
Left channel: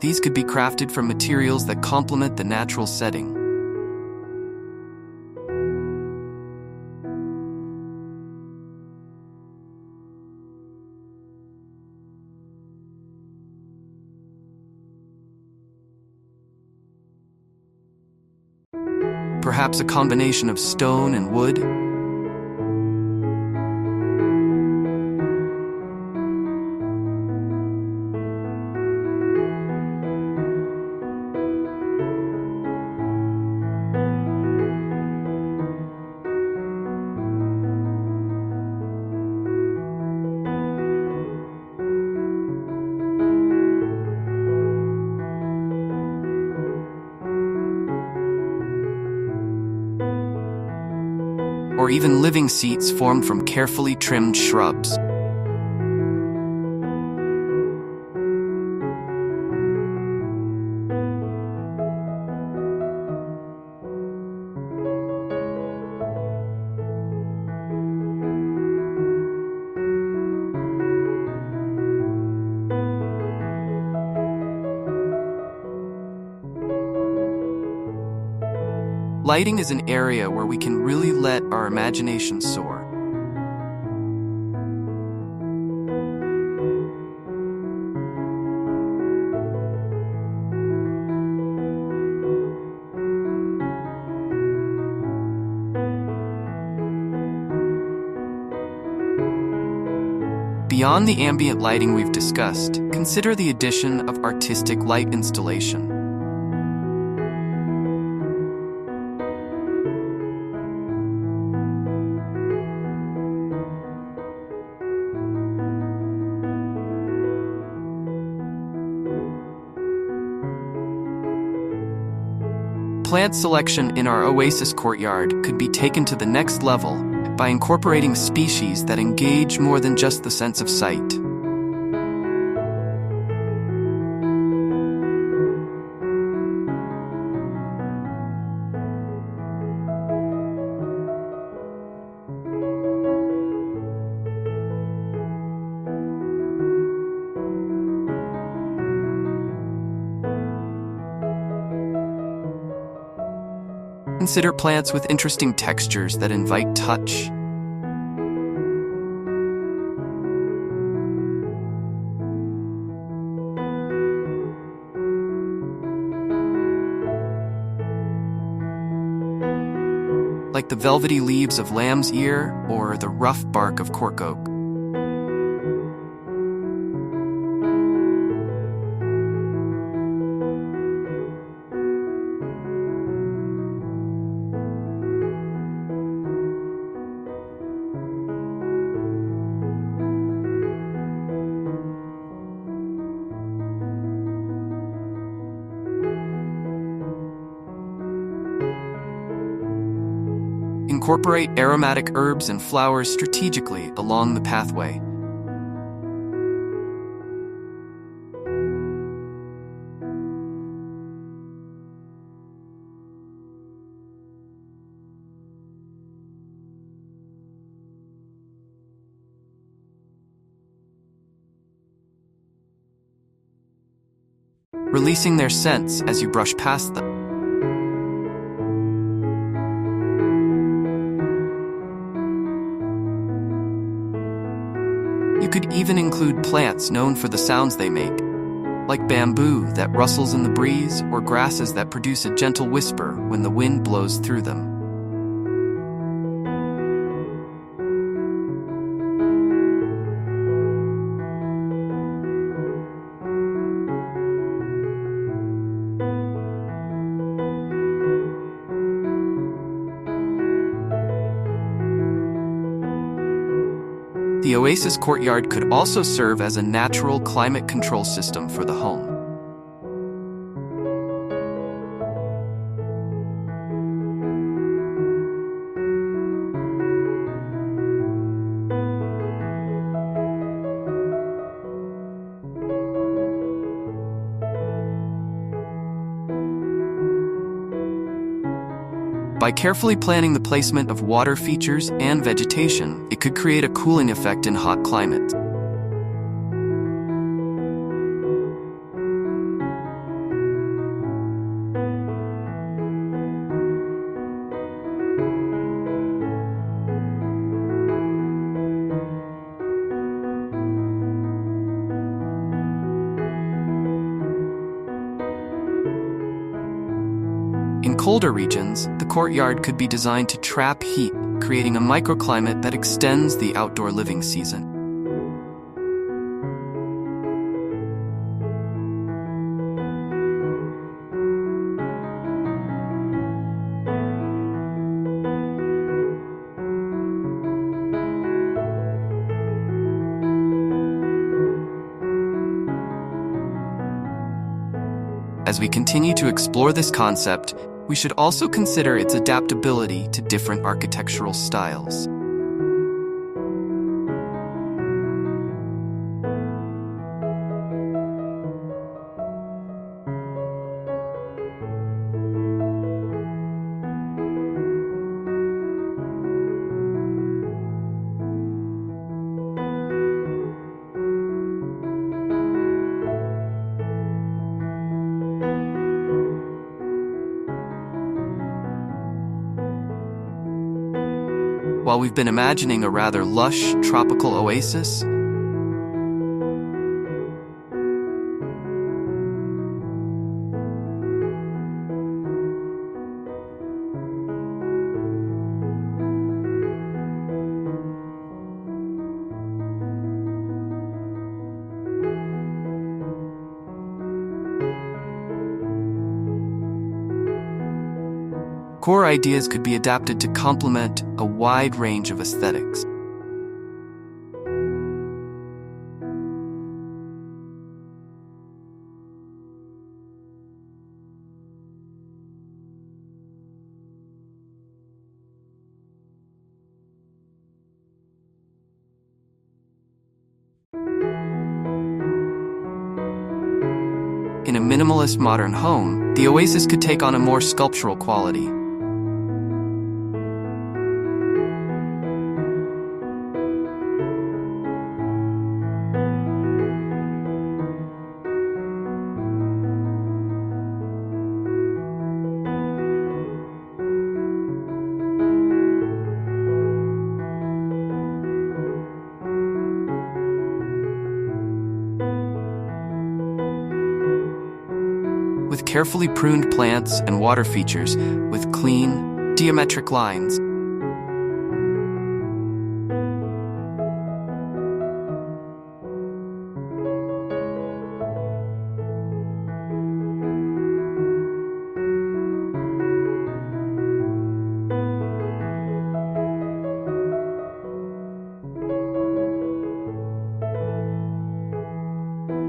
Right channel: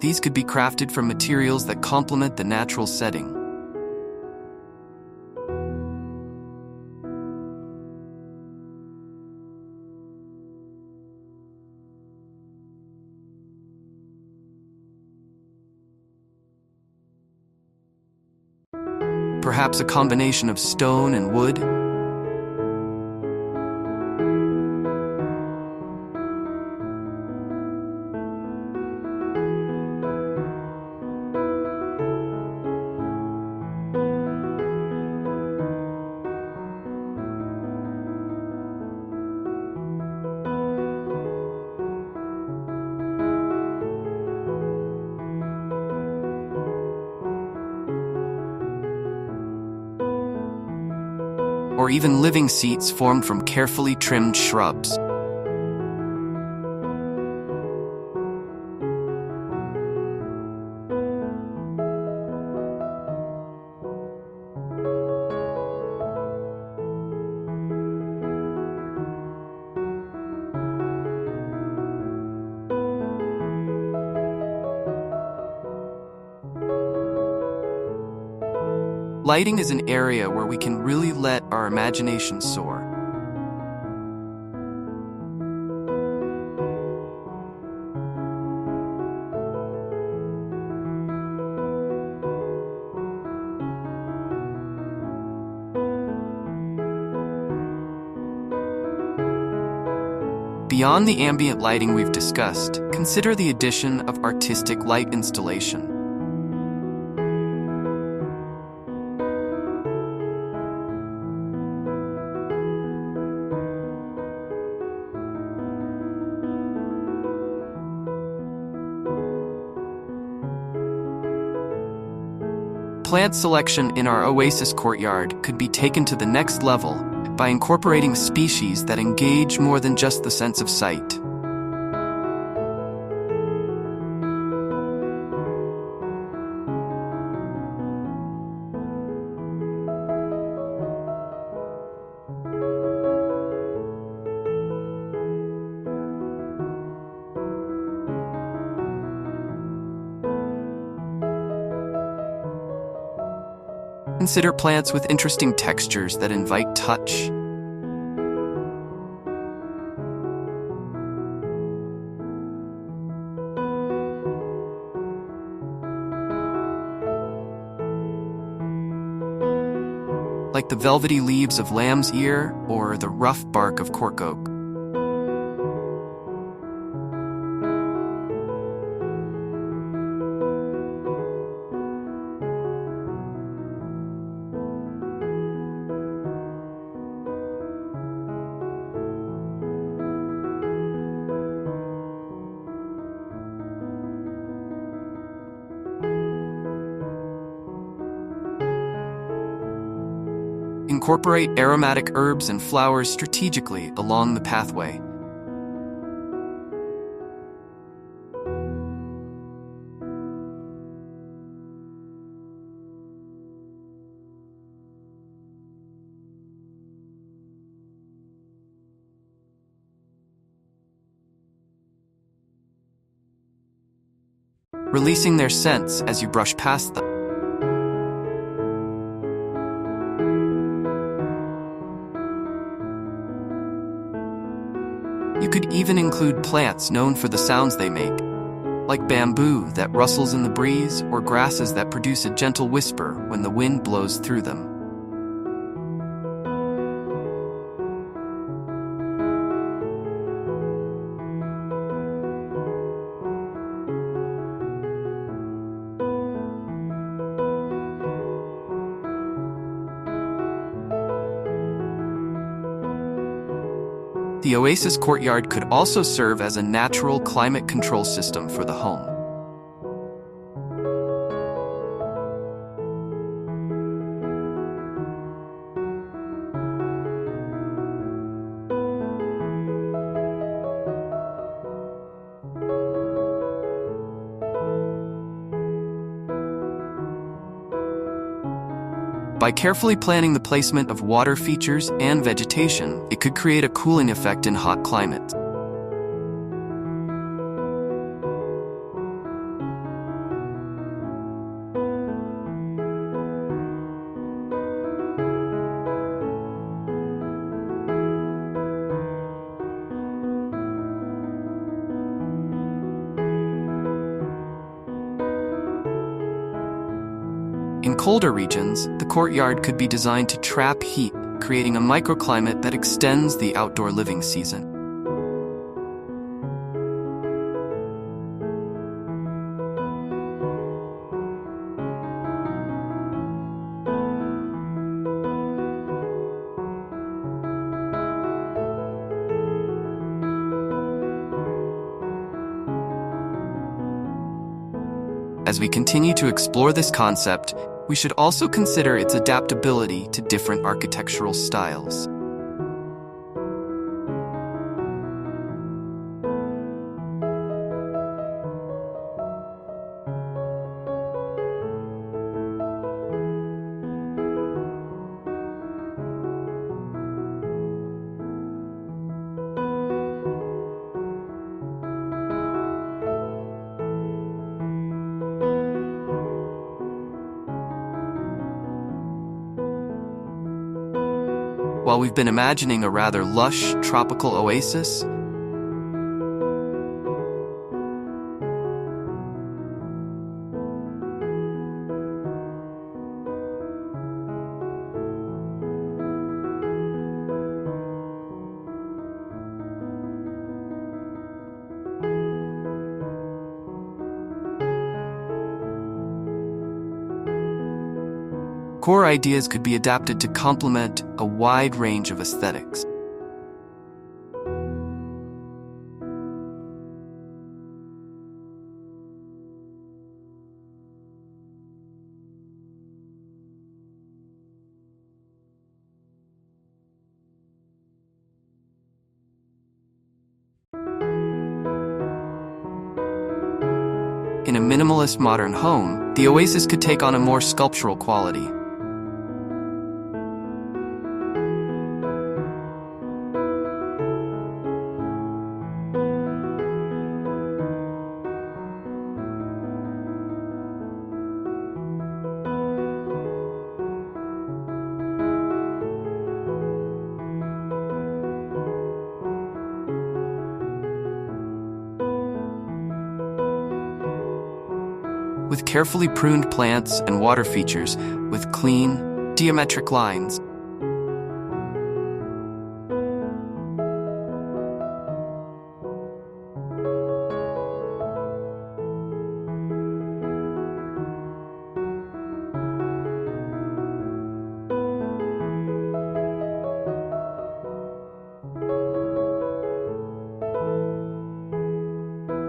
These could be crafted from materials that complement the natural setting. Perhaps a combination of stone and wood. Or even living seats formed from carefully trimmed shrubs. Lighting is an area where we can really let our imagination soar. Beyond the ambient lighting we've discussed, consider the addition of artistic light installation. Plant selection in our Oasis courtyard could be taken to the next level by incorporating species that engage more than just the sense of sight. Consider plants with interesting textures that invite touch. Like the velvety leaves of lamb's ear or the rough bark of cork oak. Incorporate aromatic herbs and flowers strategically along the pathway. Releasing their scents as you brush past them. You could even include plants known for the sounds they make, like bamboo that rustles in the breeze or grasses that produce a gentle whisper when the wind blows through them. The Oasis courtyard could also serve as a natural climate control system for the home. By carefully planning the placement of water features and vegetation, it could create a cooling effect in hot climates. In colder regions, the courtyard could be designed to trap heat, creating a microclimate that extends the outdoor living season. As we continue to explore this concept, we should also consider its adaptability to different architectural styles. While we've been imagining a rather lush, tropical oasis, core ideas could be adapted to complement a wide range of aesthetics. In a minimalist modern home, the Oasis could take on a more sculptural quality. With carefully pruned plants and water features with clean, geometric lines.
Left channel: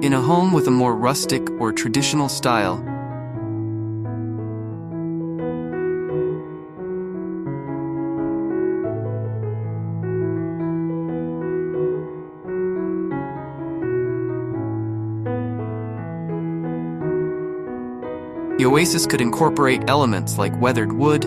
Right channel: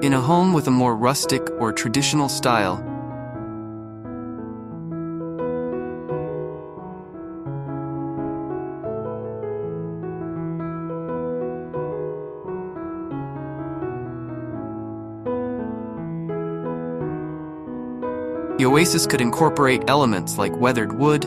In a home with a more rustic or traditional style, the Oasis could incorporate elements like weathered wood,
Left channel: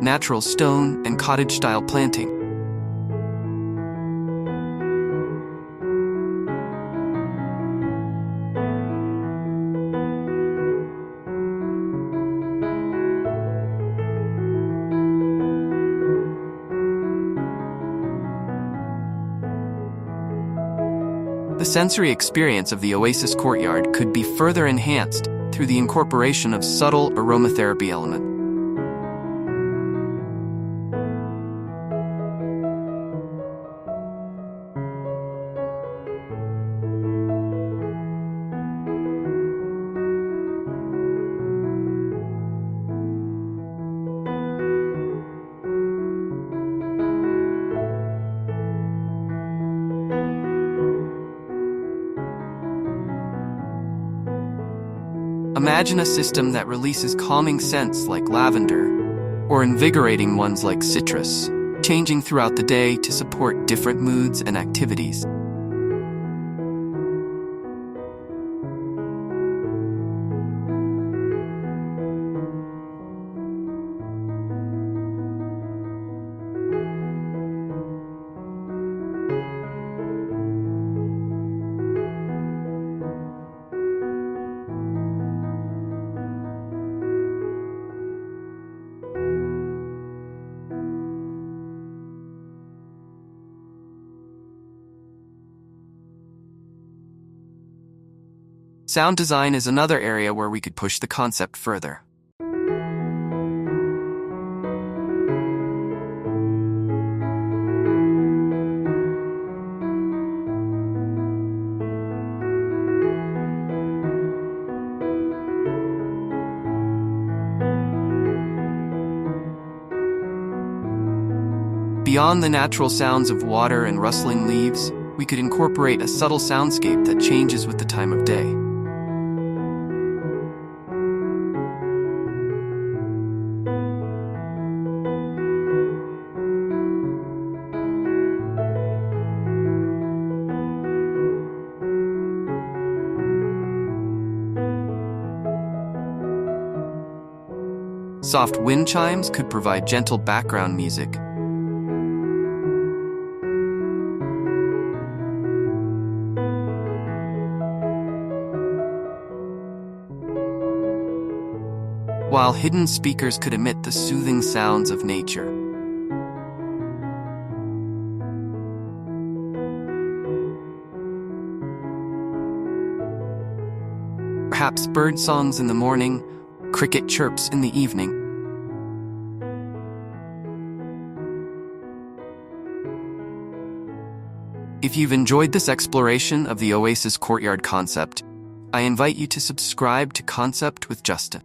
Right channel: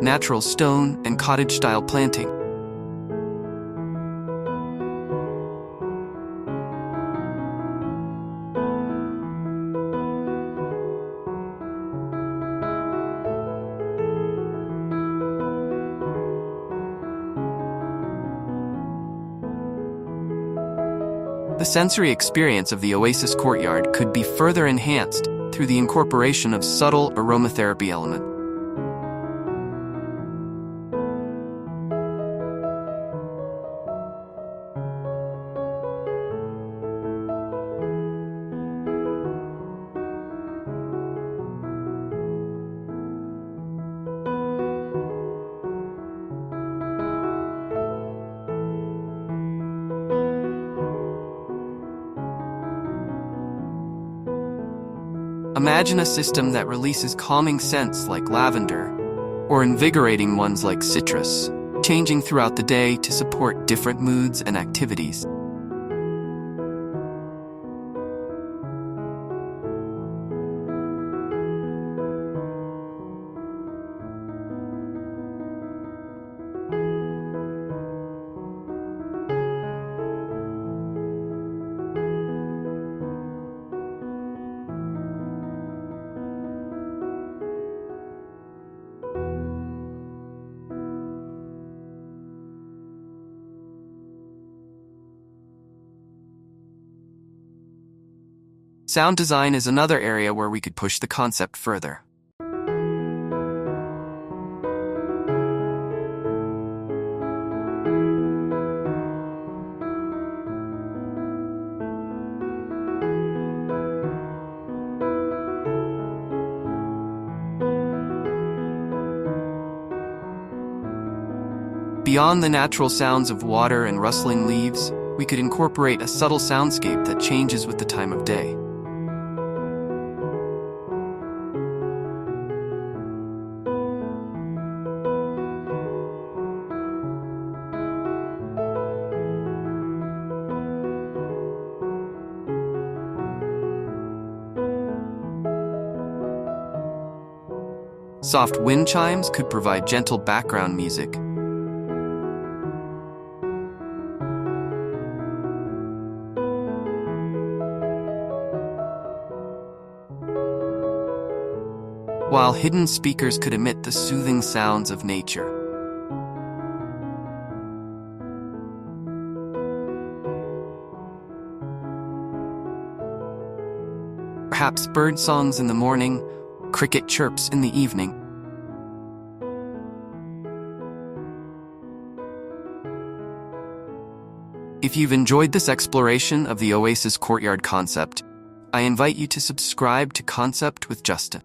natural stone, and cottage-style planting. The sensory experience of the Oasis courtyard could be further enhanced through the incorporation of subtle aromatherapy elements. Imagine a system that releases calming scents like lavender, or invigorating ones like citrus, changing throughout the day to support different moods and activities. Sound design is another area where we could push the concept further. Beyond the natural sounds of water and rustling leaves, we could incorporate a subtle soundscape that changes with the time of day. Soft wind chimes could provide gentle background music. While hidden speakers could emit the soothing sounds of nature. Perhaps bird songs in the morning, cricket chirps in the evening. If you've enjoyed this exploration of the Oasis courtyard concept, I invite you to subscribe to Concept with Justin.